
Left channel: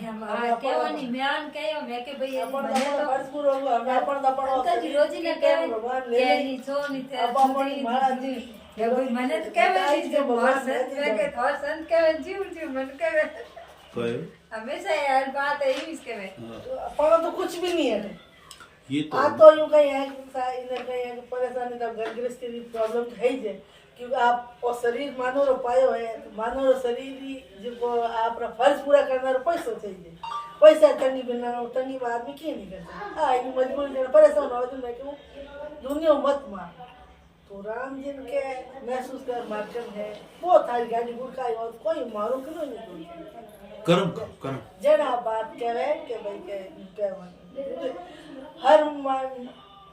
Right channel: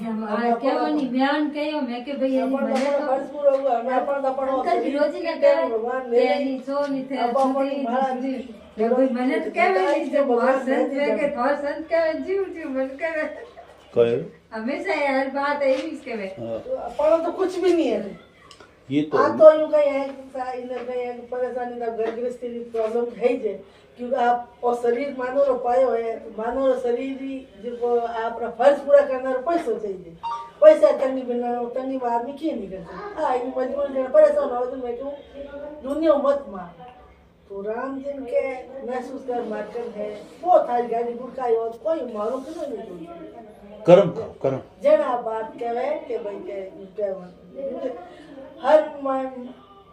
हमारा क्या वाली बयान कयो मैं के भाई ये मैंने तो फर्ज पूरा होगो, हमें अपन अंकल जी रोजी ने कहा ये नहीं सो नहीं थे छुट्टी ये कोई मैंने तो क्या वाली जब बहुत संत है के तो संत का जीव मन करे कहे हमेशा यार बात है ही इसके में अपन तो कुछ भी नहीं है। ये तो तो यूं कहीं है इधर कहीं है परेशानी का घर गृहस्थी की प्रॉब्लम है ही, क्योंकि आप और शरीर मानो रो पायो है तो मानो रो शरीर ही जो आपका फर्ज पूरा करना रो पैसो चाहिए, पैसा तंगी बिना तंगी में आदमी क्यों नहीं करते। हाँ इन मजबूरी में परेशान हो तो मैं कहूँ दुनिया मत मार, तो राम जिन के महसूस कर मार्केट है बहुत सारी गाड़ी गुड़काई हो कोई मारो क्यों नहीं कर्म खाओ कर्म। जना बात करे कि भाई के हर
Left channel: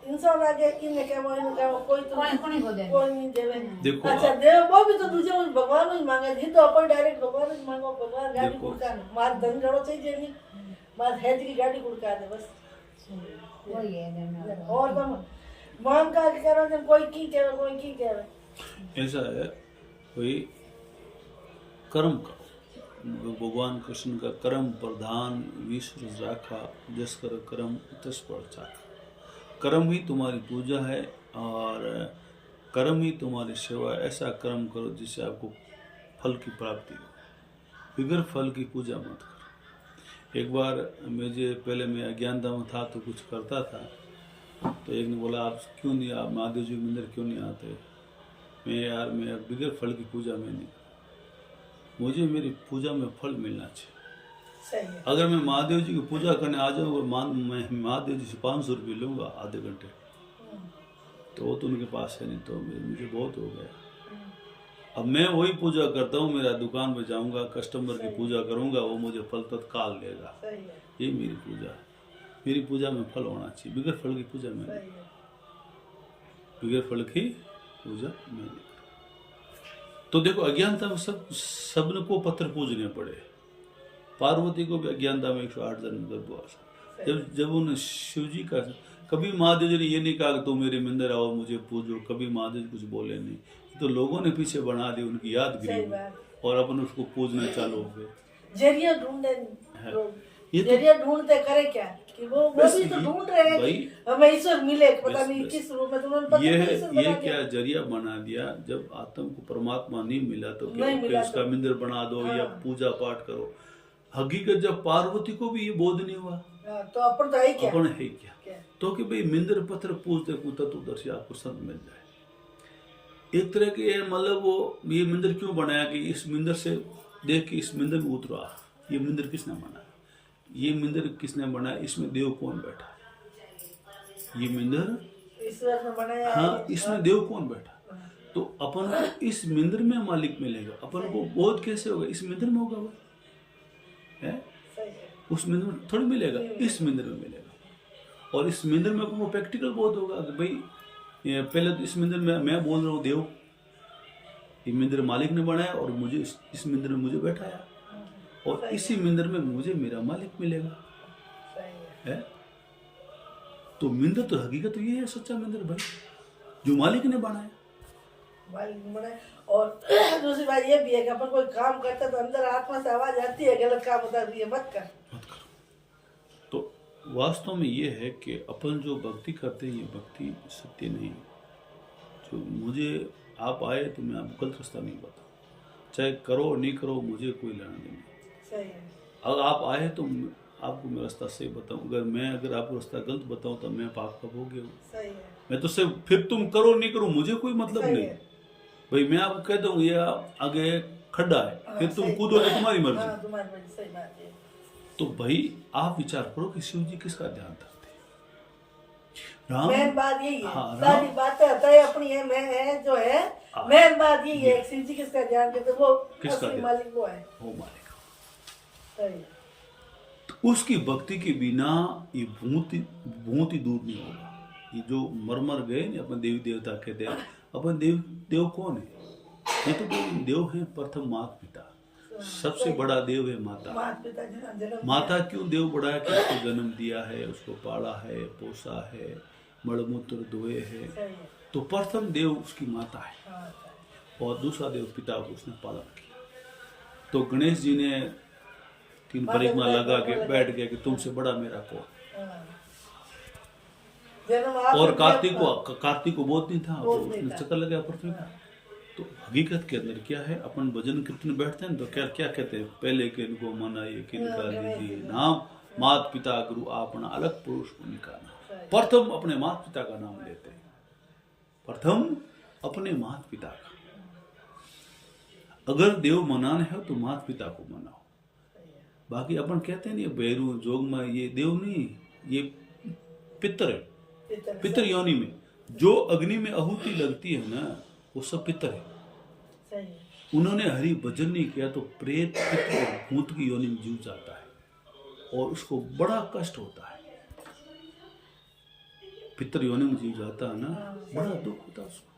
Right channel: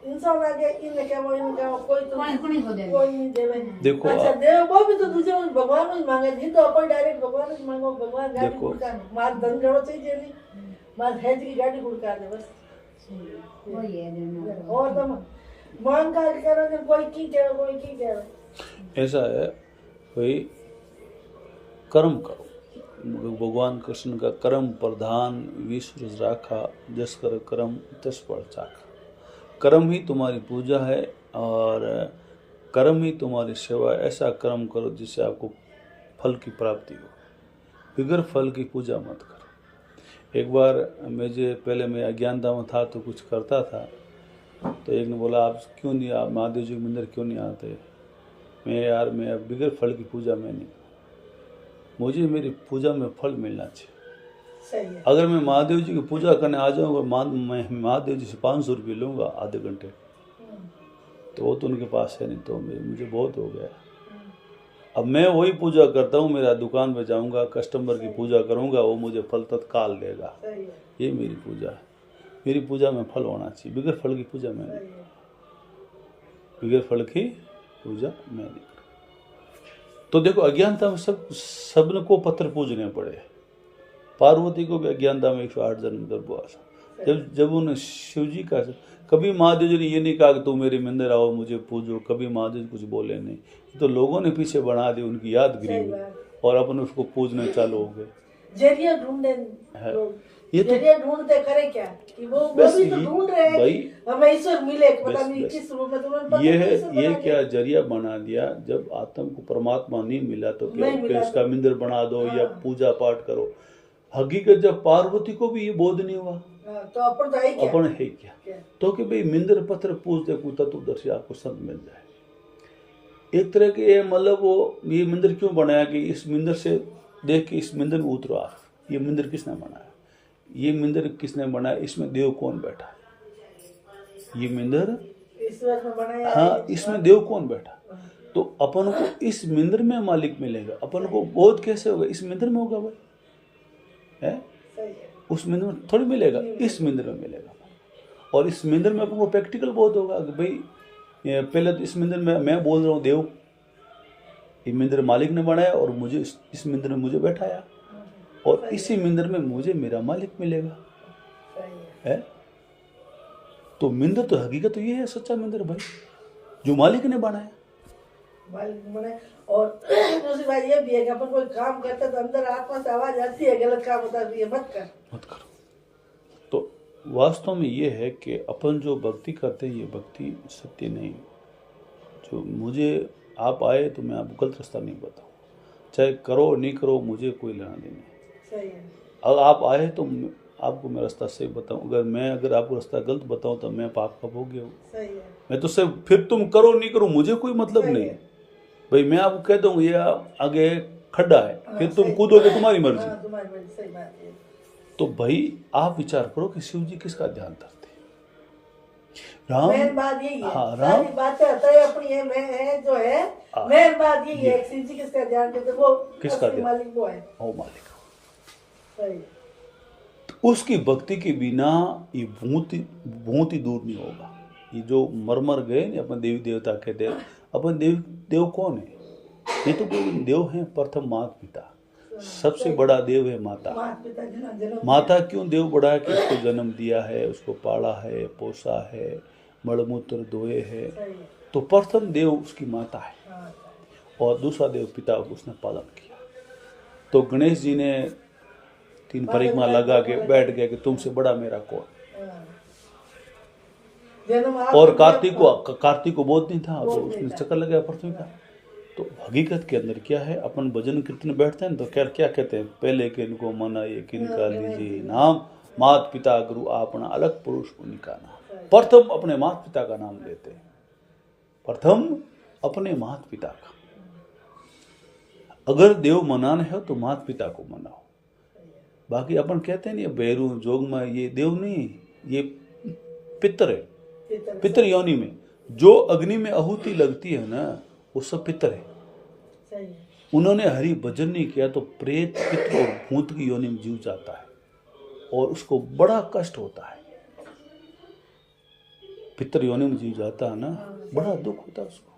इंसान आगे इन्हें क्या वो कोई तो कोई नहीं देवे। देखो अच्छा देवे वो भी तो तुझे भगवान ही मांगे जी, तो अपन डायरेक्ट भगवान ही मांगो, भगवान गाड़ी देखो। गुड़का मार धन जड़ो चाहिए नहीं, मार हेज की गाड़ी गुड़का दे बस। वही है और तुम मांग का कह रहे कोई की कह रहे कोई की कह रहे। ऐसा है भाई, कर्म करो। भगवान कृष्ण का कर्म प्रधान विश्व राखा, जस कर कर्म तस पर चाखा। कर्म ही तुम्हारी पूजा है और कर्म ही तुम्हारी सेवा। ऐसा कर्म करो जिससे आपको फल की प्राप्ति हो, बगैर फल की पूजा मत करो। एक बार मुझे पहले मैं अज्ञानता में था तो कुछ करता था, तो एक ने बोला आप क्यों नहीं, आप महादेव जी मंदिर क्यों नहीं आते? मैं बगैर फल की पूजा में नहीं, मुझे मेरी पूजा में फल मिलना चाहिए। सही है। अगर मैं महादेव जी की पूजा करने आ जाऊँगा, मैं महादेव जी से 500 रुपये लूँगा आधे घंटे, तो वो तो उनके पास है नहीं, तो मुझे बहुत हो गया। अब मैं वही पूजा करता हूँ, मेरा दुकान में जाऊँगा, कस्टमर की पूजा करूँगा, वो मुझे फल तत्काल देगा। ये मेरी पूजा है। मेरी पूजा में फल होना चाहिए, बगैर फल की पूजा मैं नहीं, बगैर फल की पूजा मैं नहीं। तो देखो अज्ञानता में सबने को पत्थर पूजने पड़े। पार्वती को भी अज्ञानता में 108 जन्म गर्भवास, जब उन्हें शिव जी का, कभी महादेव जी ने ये नहीं कहा कि तुम मेरे मंदिर आओ मुझे पूजो, कभी महादेव जी कुछ बोले नहीं, तो लोगों ने पीछे बना दी उनकी यादगिरी में और अपन उसको पूजने चालू हो गए। जरिया ढूंढे है। लोग, ये तो जरिया ढूंढते करे क्या कि वो बस भी तो ये- ढूंढ रहे हैं भाई, हमें ईश्वर मिले, पता बस- नहीं बस। किस रूप में, तुम्हें पता ये नहीं है, ईश्वर ये बना क्या जरिया बना दिया। जब आत्म को परमात्मा नहीं मिला तो क्या नहीं कि मिला उसका मंदिर बना दो या हाँ। पूजा पाठ करो। हकीकत जब पार्वती को भी ये बोध नहीं हुआ, हाँ, तो अपन तो है क्या? अपन है क्या, क्या? तो कि भाई मंदिर पत्र पूजते पूजता तो दर्शी आपको संत मिल जाए। एक तरह के ये मतलब वो ये मंदिर क्यों बनाया कि इस मंदिर से देख के इस मंदिर में उतरो आप, ये मंदिर किसने बनाया, ये मंदिर किसने बनाया, इसमें देव कौन बैठा, ये मंदिर, ईश्वर ने बनाया हाँ है। इसमें देव कौन बैठा। तो अपन को इस मंदिर में मालिक मिलेगा, अपन को बोध कैसे होगा, इस मंदिर में होगा भाई, है सही है। उस मंदिर में थोड़ी मिलेगा, इस मंदिर में मिलेगा। और इस मंदिर में अपन को प्रैक्टिकल बोध होगा कि भाई ये पहले तो इस मंदिर में मैं बोल रहा हूँ देव, ये मंदिर मालिक ने बनाया और मुझे इस मंदिर में मुझे बैठाया और इसी मंदिर में मुझे मेरा मालिक मिलेगा, सही है। है। तो मंदिर तो हकीकत तो ये है सच्चा मंदिर भाई, जो मालिक ने बनाया। मालिक बने। और दूसरी बात ये भी है कि अपन कोई काम करते तो अंदर आत्मा से आवाज आती है गलत काम होता है, ये मत कर। मत करो। तो वास्तव में ये है कि अपन जो भक्ति करते हैं ये भक्ति सत्य नहीं है। जो मुझे आप आए तो मैं आपको गलत रास्ता नहीं बताऊँ, चाहे करो और नहीं करो मुझे कोई लेना देना नहीं। सही है। अगर आप आए तो आपको मैं रास्ता सही बताऊँ, अगर आपको रास्ता गलत बताऊँ तो मैं पाप का भोग्य हूँ। सही है। मैं तो सिर्फ फिर तुम करो नहीं करो मुझे कोई मतलब सही नहीं है। भाई। मैं आपको कह दूँ ये आगे खड्डा है, फिर तुम सही। कूदोगे तुम्हारी मर्जी। हाँ, तुम्हारी मर्जी, सही बात है। तो भाई आप विचार करो कि शिव जी किसका ध्यान करते हैं। मेन राम, बात यही है। हाँ, सारी राम, बातें है अपनी है, मैं है जो है, हाँ। मेन बात यही है, शिव जी किसका ध्यान करते हैं, वो किसका असली ध्यान? मालिक वो है। ओ मालिक, सही है। तो उसकी भक्ति के बिना ये बहुत ही दूर नहीं होगा। ये जो मर गए ना अपन देवी देवता कहते हैं, अपन देव कौन है, ये तो कोई देव है प्रथम माता पिता, सबसे बड़ा देव है माता। पिता जी ने जन्म माता क्यों देव बड़ा है कि उसको जन्म दिया है, उसको पाला है, पोसा है, मलमूत्र धोए है, सही है। तो प्रथम देव उसकी माता है हाँ, और दूसरा देव पिता को उसने पालन किया। तो गणेश जी ने 3 परिक्रमा लगा के बैठ गए कि तुमसे बड़ा मेरा कौन। हाँ। जन्म और कार्तिक को बोध नहीं था, तो उसने चक्कर लगाया पृथ्वी का। तो हकीकत के अंदर क्या है, अपन भजन कीर्तन बैठते हैं तो क्या कहते हैं, पहले किनको मनाइए किनका लीजिए नाम, मात पिता गुरु अपना अलग पुरुष उनका नाम। प्रथम अपने माता पिता का नाम लेते हैं, प्रथम अपने माता पिता का। अगर देव मनाना है तो माता पिता को मनाओ। बाकी अपन कहते हैं नहीं भैरू जोगमा, ये देव नहीं, ये पितर है, पितर योनि में जो अग्नि में आहुति लगती है ना वो सब पितर है। सही है। उन्होंने हरि भजन नहीं किया तो प्रेत पितर और भूत की योनि में जीव जाता है और उसको बड़ा कष्ट होता है। पितर योनि में जीव जाता है ना, बड़ा दुख होता है उसको।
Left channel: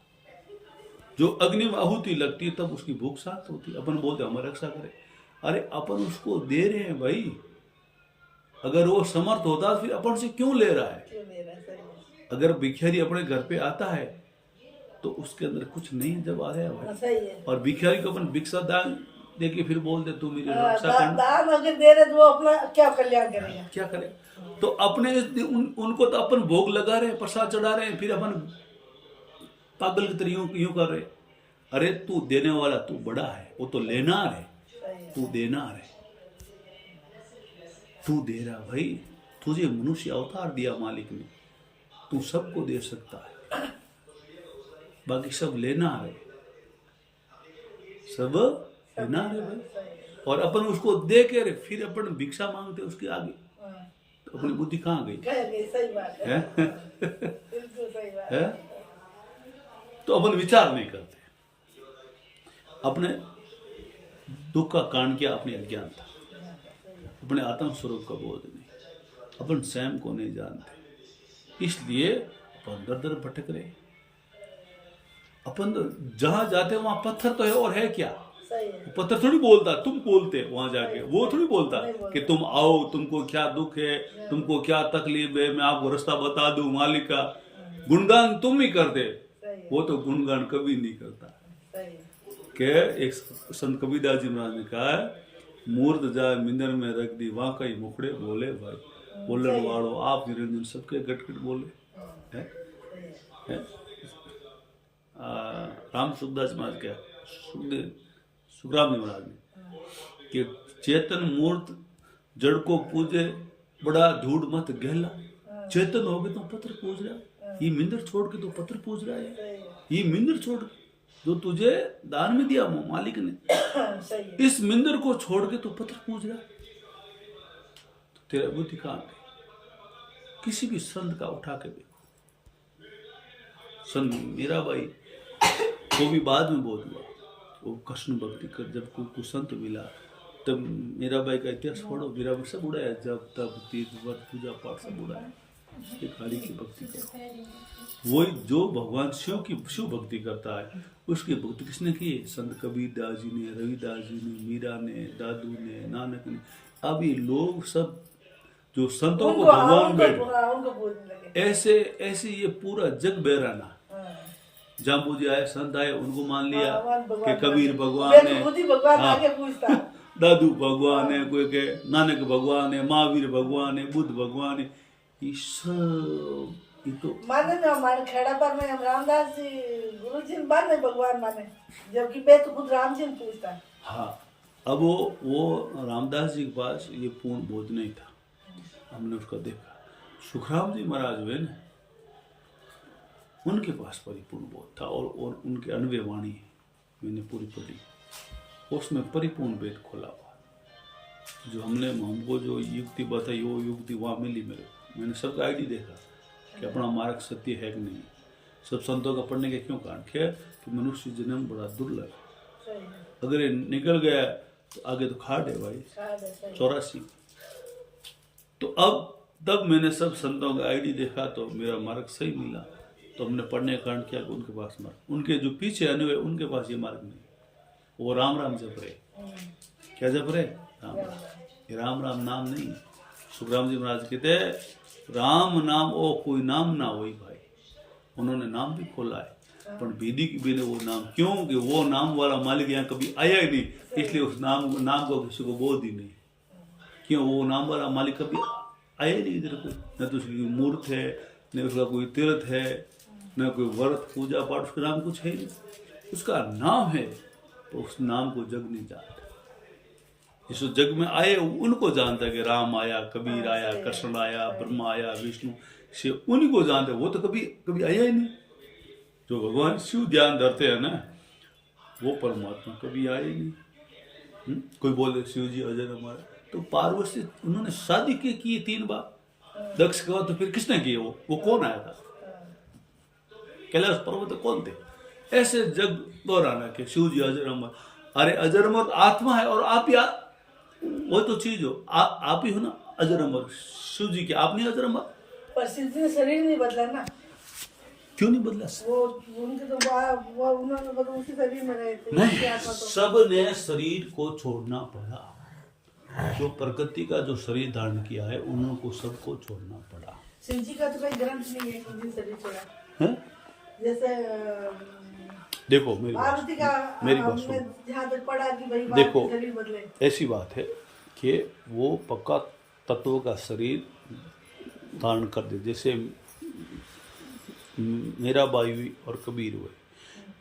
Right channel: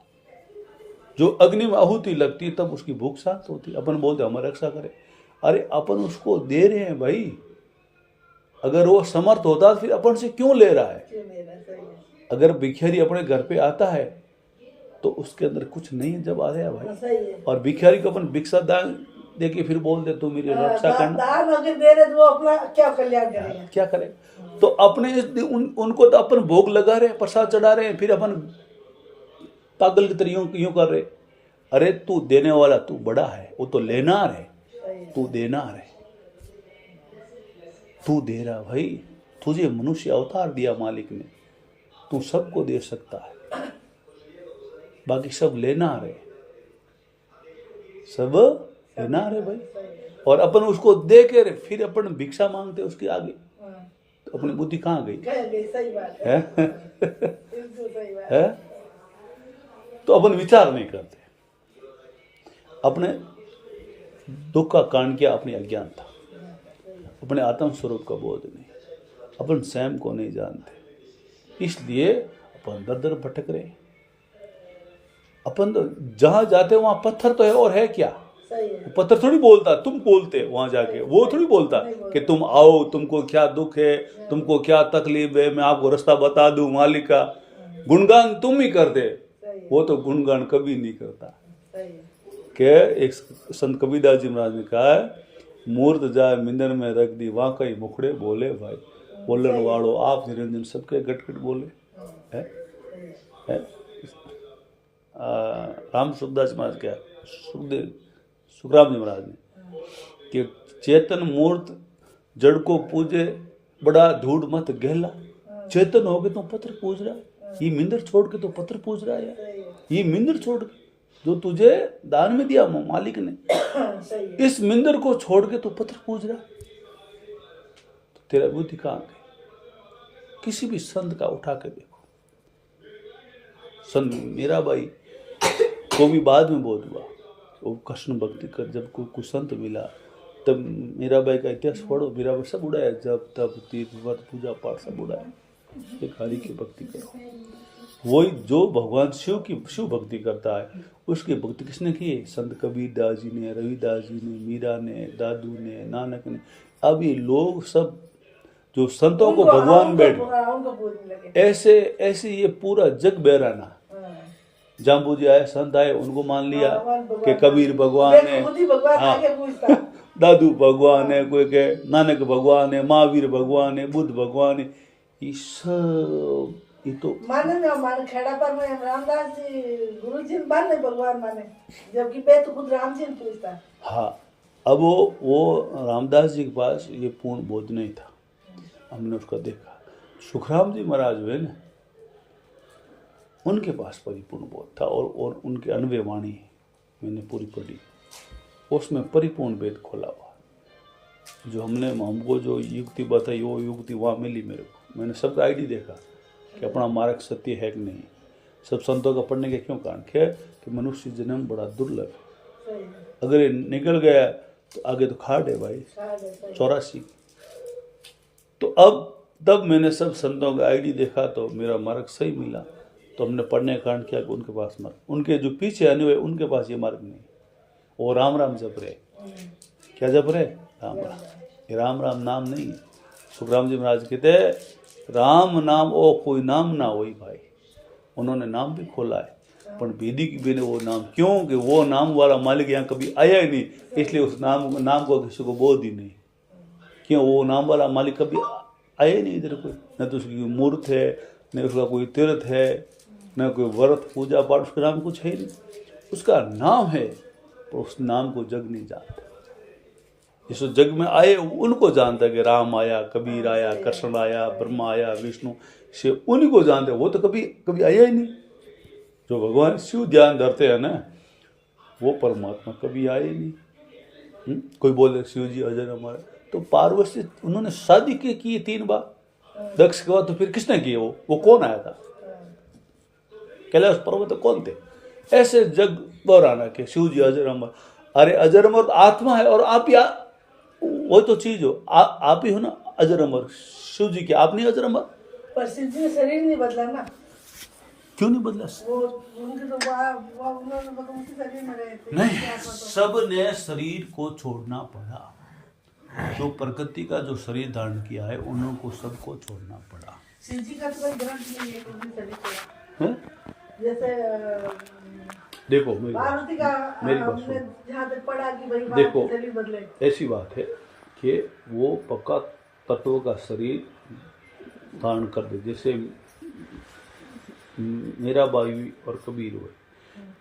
जो अग्नि में आहुति लगती है तब उसकी भूख शांत होती है। अपन बोलते हमारी रक्षा करे, अरे अपन उसको दे रहे हैं भाई। अगर वो समर्थ होता तो फिर अपन से क्यों ले रहा है। क्यों मेरा, सही है। अगर भिखारी अपने घर पे आता है तो उसके अंदर कुछ नहीं जब आ गया भाई, सही है। और भिखारी को अपन भिक्षा दान देके फिर बोल दे तू मेरी रक्षा करना, दान अगर दे रहे तो वो अपना क्या कल्याण करेगा। क्या करे। तो अपने उनको तो अपन भोग लगा रहे हैं, प्रसाद चढ़ा रहे हैं, फिर अपन पागल की तरह यूं कर रहे। अरे तू देने वाला तू बड़ा है, वो तो लेनार है, तू देनार है, तू दे रहा भाई। तुझे मनुष्य अवतार दिया मालिक ने, तू सबको दे सकता है, बाकी सब लेनार है, सब लेनार है भाई। और अपन उसको दे के फिर अपन भिक्षा मांगते उसके आगे, तो अपनी बुद्धि कहाँ गई सही बात है? बिल्कुल सही बात है? तो अपन विचार नहीं करते। अपने दुख का कारण क्या, अपनी अज्ञानता, अपने आत्म स्वरूप का बोध नहीं, अपन स्वयं को नहीं जानते, इसलिए अपन दर दर भटक रहे। अपन तो जहां जाते वहां पत्थर तो है और है क्या, है। पत्थर थोड़ी बोलता, तुम बोलते वहां जाके, वो थोड़ी बोलता कि तुम आओ, तुमको क्या दुख है, तुमको क्या तकलीफ है, मैं आपको रास्ता बता दूं मालिक का। गुणगान तुम ही करते, वो तो गुणगान कभी नहीं करता। के एक संत कबीरदास जी महाराज ने कहा है, मूर्त जाए मिंदर में रख दी वहां कई मुखड़े बोले भाई, बोलन वालों आप निरंजन सबके गटगट बोले है। राम सुखदास महाराज क्या सुखराम जी महाराज ने कि चेतन मूर्त जड़ को पूजे बड़ा धूढ़ मत गहला, चेतन हो गए तो पत्थर पूज रहा, ये मिंदर छोड़ के तो पत्थर पूज रहा है, ये मिंदर छोड़ जो तुझे दान में दिया मालिक ने, इस मिंदर को छोड़ के तो पत्थर पूज रहा, तो तेरा बुद्धि कहाँ है? किसी भी संत का उठा के देखो, संत मीराबाई को भी बाद में बोध हुआ, वो कृष्ण भक्ति कर जब कोई संत मिला तब मीराबाई का इतिहास पढ़ो, मीराबाई सब उड़ाया, जब तब तीर्थ व्रत पूजा पाठ सब उड़ाया, एक हरि की भक्ति करो। वही जो भगवान शिव भक्ति करता है उसकी भक्ति किसने की? संत कबीरदास जी ने, रविदास जी ने, मीरा ने, दादू ने, नानक ने। अब ये लोग सब जो संतों को भगवान बैठे, ऐसे ये पूरा जग बहराना। जाम्बू जी आए, संत आए, उनको मान लिया कि कबीर भगवान है, हाँ दादू भगवान है, कोई के नानक भगवान है, महावीर भगवान है, बुद्ध भगवान है, ये तो माने ना माने खेड़ा पर में रामदास जी गुरु जी माने भगवान माने, जबकि मैं तो खुद राम जी ने पूछता है। हाँ, अब वो रामदास जी के पास ये पूर्ण बोध नहीं था, हमने उसका देखा। सुखराम जी महाराज हुए ना, उनके पास परिपूर्ण बोध था और उनके अनवे वाणी मैंने पूरी पढ़ी, उसमें परिपूर्ण वेद खोला हुआ। जो हमको जो युक्ति बताई वो युक्ति वहाँ मिली मेरे को। मैंने सबका आईडी देखा कि अपना मार्ग सत्य है कि नहीं। सब संतों का पढ़ने के क्यों कारण है कि मनुष्य जन्म बड़ा दुर्लभ, अगर ये निकल गया तो आगे तो खाट है भाई 84। तो अब तब मैंने सब संतों का आईडी देखा तो मेरा मार्ग सही मिला, तो हमने पढ़ने का कारण किया कि उनके पास मार्ग, उनके जो पीछे आने हुए उनके पास ये मार्ग नहीं। वो राम राम जप रहे, क्या जप रहे? राम राम। ये राम राम नाम नहीं। सुखराम जी महाराज कहते राम नाम ओ कोई नाम ना वही भाई। उन्होंने नाम भी खोला है, पर बेदी की भी ने वो नाम, क्यों कि वो नाम वाला मालिक यहाँ कभी आया ही नहीं, इसलिए उस नाम को किसी को बोध ही नहीं। क्यों? वो नाम वाला मालिक कभी आया ही नहीं इधर कोई, न तो उसकी मूर्त है, न उसका कोई तीर्थ है, न कोई व्रत पूजा पाठ, उसका नाम कुछ है नहीं। उसका नाम है तो उस नाम को जग नहीं जानता। जिस जग में आए उनको जानता है कि राम आया, कबीर आया, कृष्ण आया, ब्रह्मा आया, विष्णु, शिव, उन्हीं को जानते हैं। वो तो कभी आया ही नहीं। जो भगवान शिव ध्यान धरते हैं ना, वो परमात्मा कभी आए ही नहीं। कोई बोले शिव जी अजय हमारे, तो पार्वती उन्होंने शादी की 3 बार, दक्ष के बाद तो फिर किसने किए? वो कौन आया था? कैलाश पर्वत तो कौन थे? ऐसे जग दोहराना कि शिव जी अजर अमर। अरे अजर अमर आत्मा है, और आप या वो तो चीज हो, आप ही हो ना अजर अमर। शिव जी के आप नहीं अजर अमर, पर शिव जी ने शरीर नहीं बदला ना। क्यों नहीं बदला? वो उनके तो उन्होंने तो उसी शरीर में रहे थे। नहीं, सब ने शरीर को छोड़ना पड़ा। जो प्रकृति का जो शरीर धारण किया है उनको सबको छोड़ना पड़ा। शिव जी का तो कोई ग्रंथ नहीं है कि शरीर छोड़ा है। जैसे देखो मेरी बात सुनो। जहाँ तक पढ़ा कि भाई देखो शरीर बदले, ऐसी बात है कि वो पक्का तत्व का शरीर धारण कर दे। जैसे मीराबाई और कबीर हुए,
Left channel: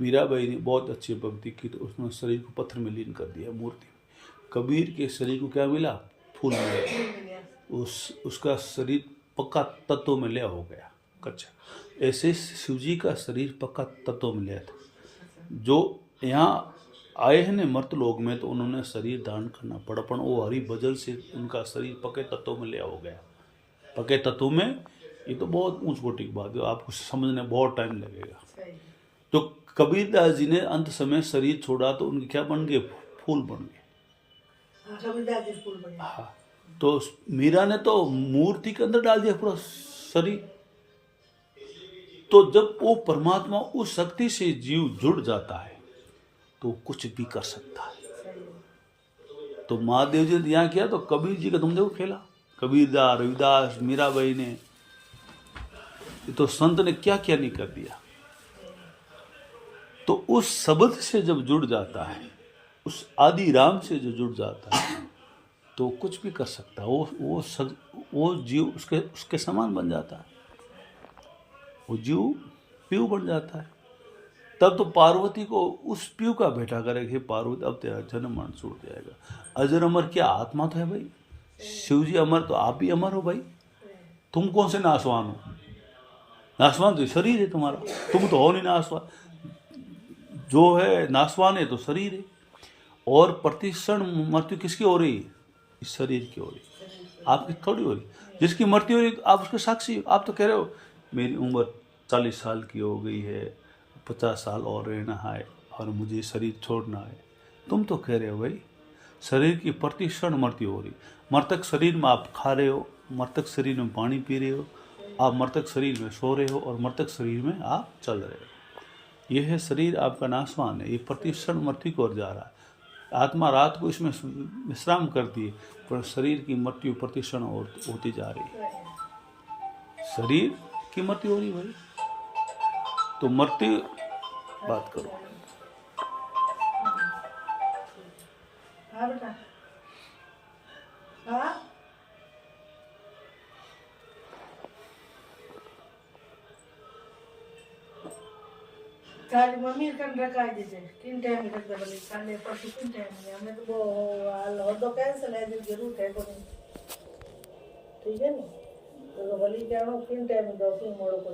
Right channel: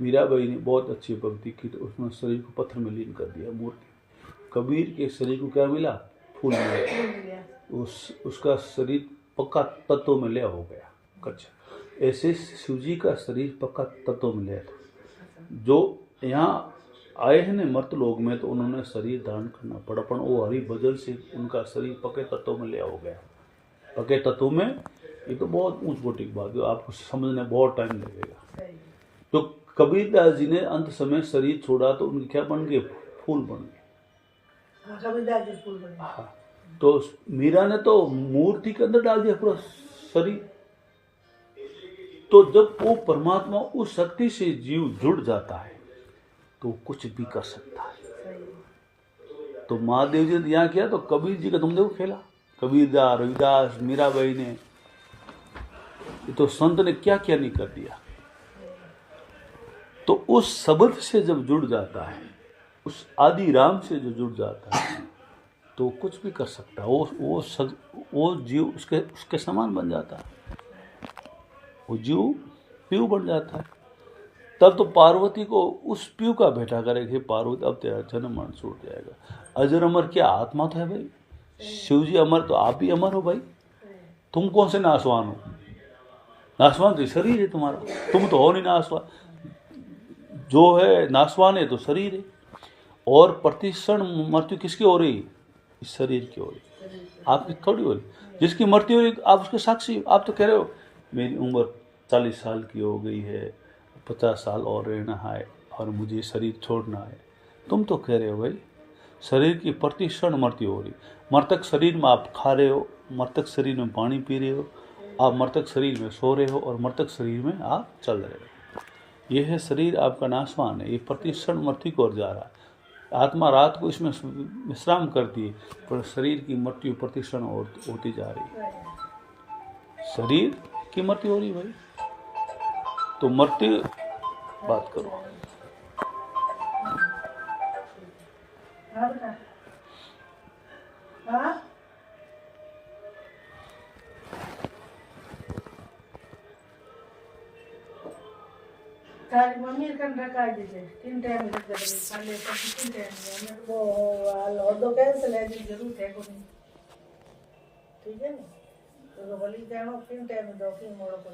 मीराबाई ने बहुत अच्छी भक्ति की तो उसने शरीर को पत्थर में लीन कर दिया, मूर्ति। कबीर के शरीर को क्या मिला? फूल मिला। उसका शरीर पक्का तत्व में लिया हो गया कच्चा। ऐसे शिवजी का शरीर पक्का तत्व में लिया था। जो यहाँ आए हैं न मर्त लोग में, तो उन्होंने शरीर धारण करना पड़ा, पर वो हरि भजन से उनका शरीर पक्के तत्व में लिया हो गया। पक्के तत्व में, ये तो बहुत ऊंच कोटि की बात है, आपको समझने बहुत टाइम लगेगा। तो कबीरदास जी ने अंत समय शरीर छोड़ा तो उनके क्या बन गए? फूल बन गए। हाँ, तो मीरा ने तो मूर्ति के अंदर डाल दिया पूरा शरीर। तो जब वो परमात्मा उस शक्ति से जीव जुड़ जाता है तो कुछ भी कर सकता है। तो महादेव जी ने यहाँ किया तो कबीर जी का तुम देखो खेला, कबीरदास, रविदास, मीराबाई ने, ये तो संत ने क्या क्या नहीं कर दिया। तो उस शब्द से जब जुड़ जाता है, उस आदि राम से जो जुड़ जाता है, तो कुछ भी कर सकता है। वो जीव उसके समान बन जाता है, वो जीव पीयू बन जाता है। तब तो पार्वती को उस पीयू का बेटा करेगी, पार्वती अब तेरा जन्म मरण छूट जाएगा। अजर अमर क्या आत्मा तो है भाई, शिव जी अमर तो आप ही अमर हो भाई, तुम कौन से नासवान हो? नासवान तो शरीर है तुम्हारा, तुम तो हो नहीं नासवान, जो है नासवान है तो शरीर है। और प्रतिक्षण मृत्यु किसकी हो रही? इस शरीर की हो रही, आपकी थोड़ी हो रही। जिसकी मृत्यु हो रही आप उसके साक्षी। आप तो कह रहे हो मेरी उम्र 40 साल की हो गई है, 50 साल और रहना है और मुझे शरीर छोड़ना है। तुम तो कह रहे हो भाई शरीर की प्रतिक्षण मृत्यु हो रही। मृतक शरीर में आप खा रहे हो, मृतक शरीर में पानी पी रहे हो, आप मृतक शरीर में सो रहे हो और मृतक शरीर में आप चल रहे हो। यह है शरीर आपका नाशवान है, ये प्रतिक्षण मृत्यु की ओर जा रहा है। आत्मा रात को इसमें विश्राम करती है, पर शरीर की मृत्यु प्रतिक्षण और होती जा रही है। शरीर की मृत्यु हो रही भाई, तो मृत्यु बात करो। हाँ बेटा, हाँ तारी मम्मी कन रखा दीजिए, किन टाइम में रख दे बोले काले पर किन टाइम में हमें तो वो हाल और दो कैंसिल है जी जरूर है कोई, ठीक है ना? तो बोली क्या किन टाइम में दो किन मोड़ो को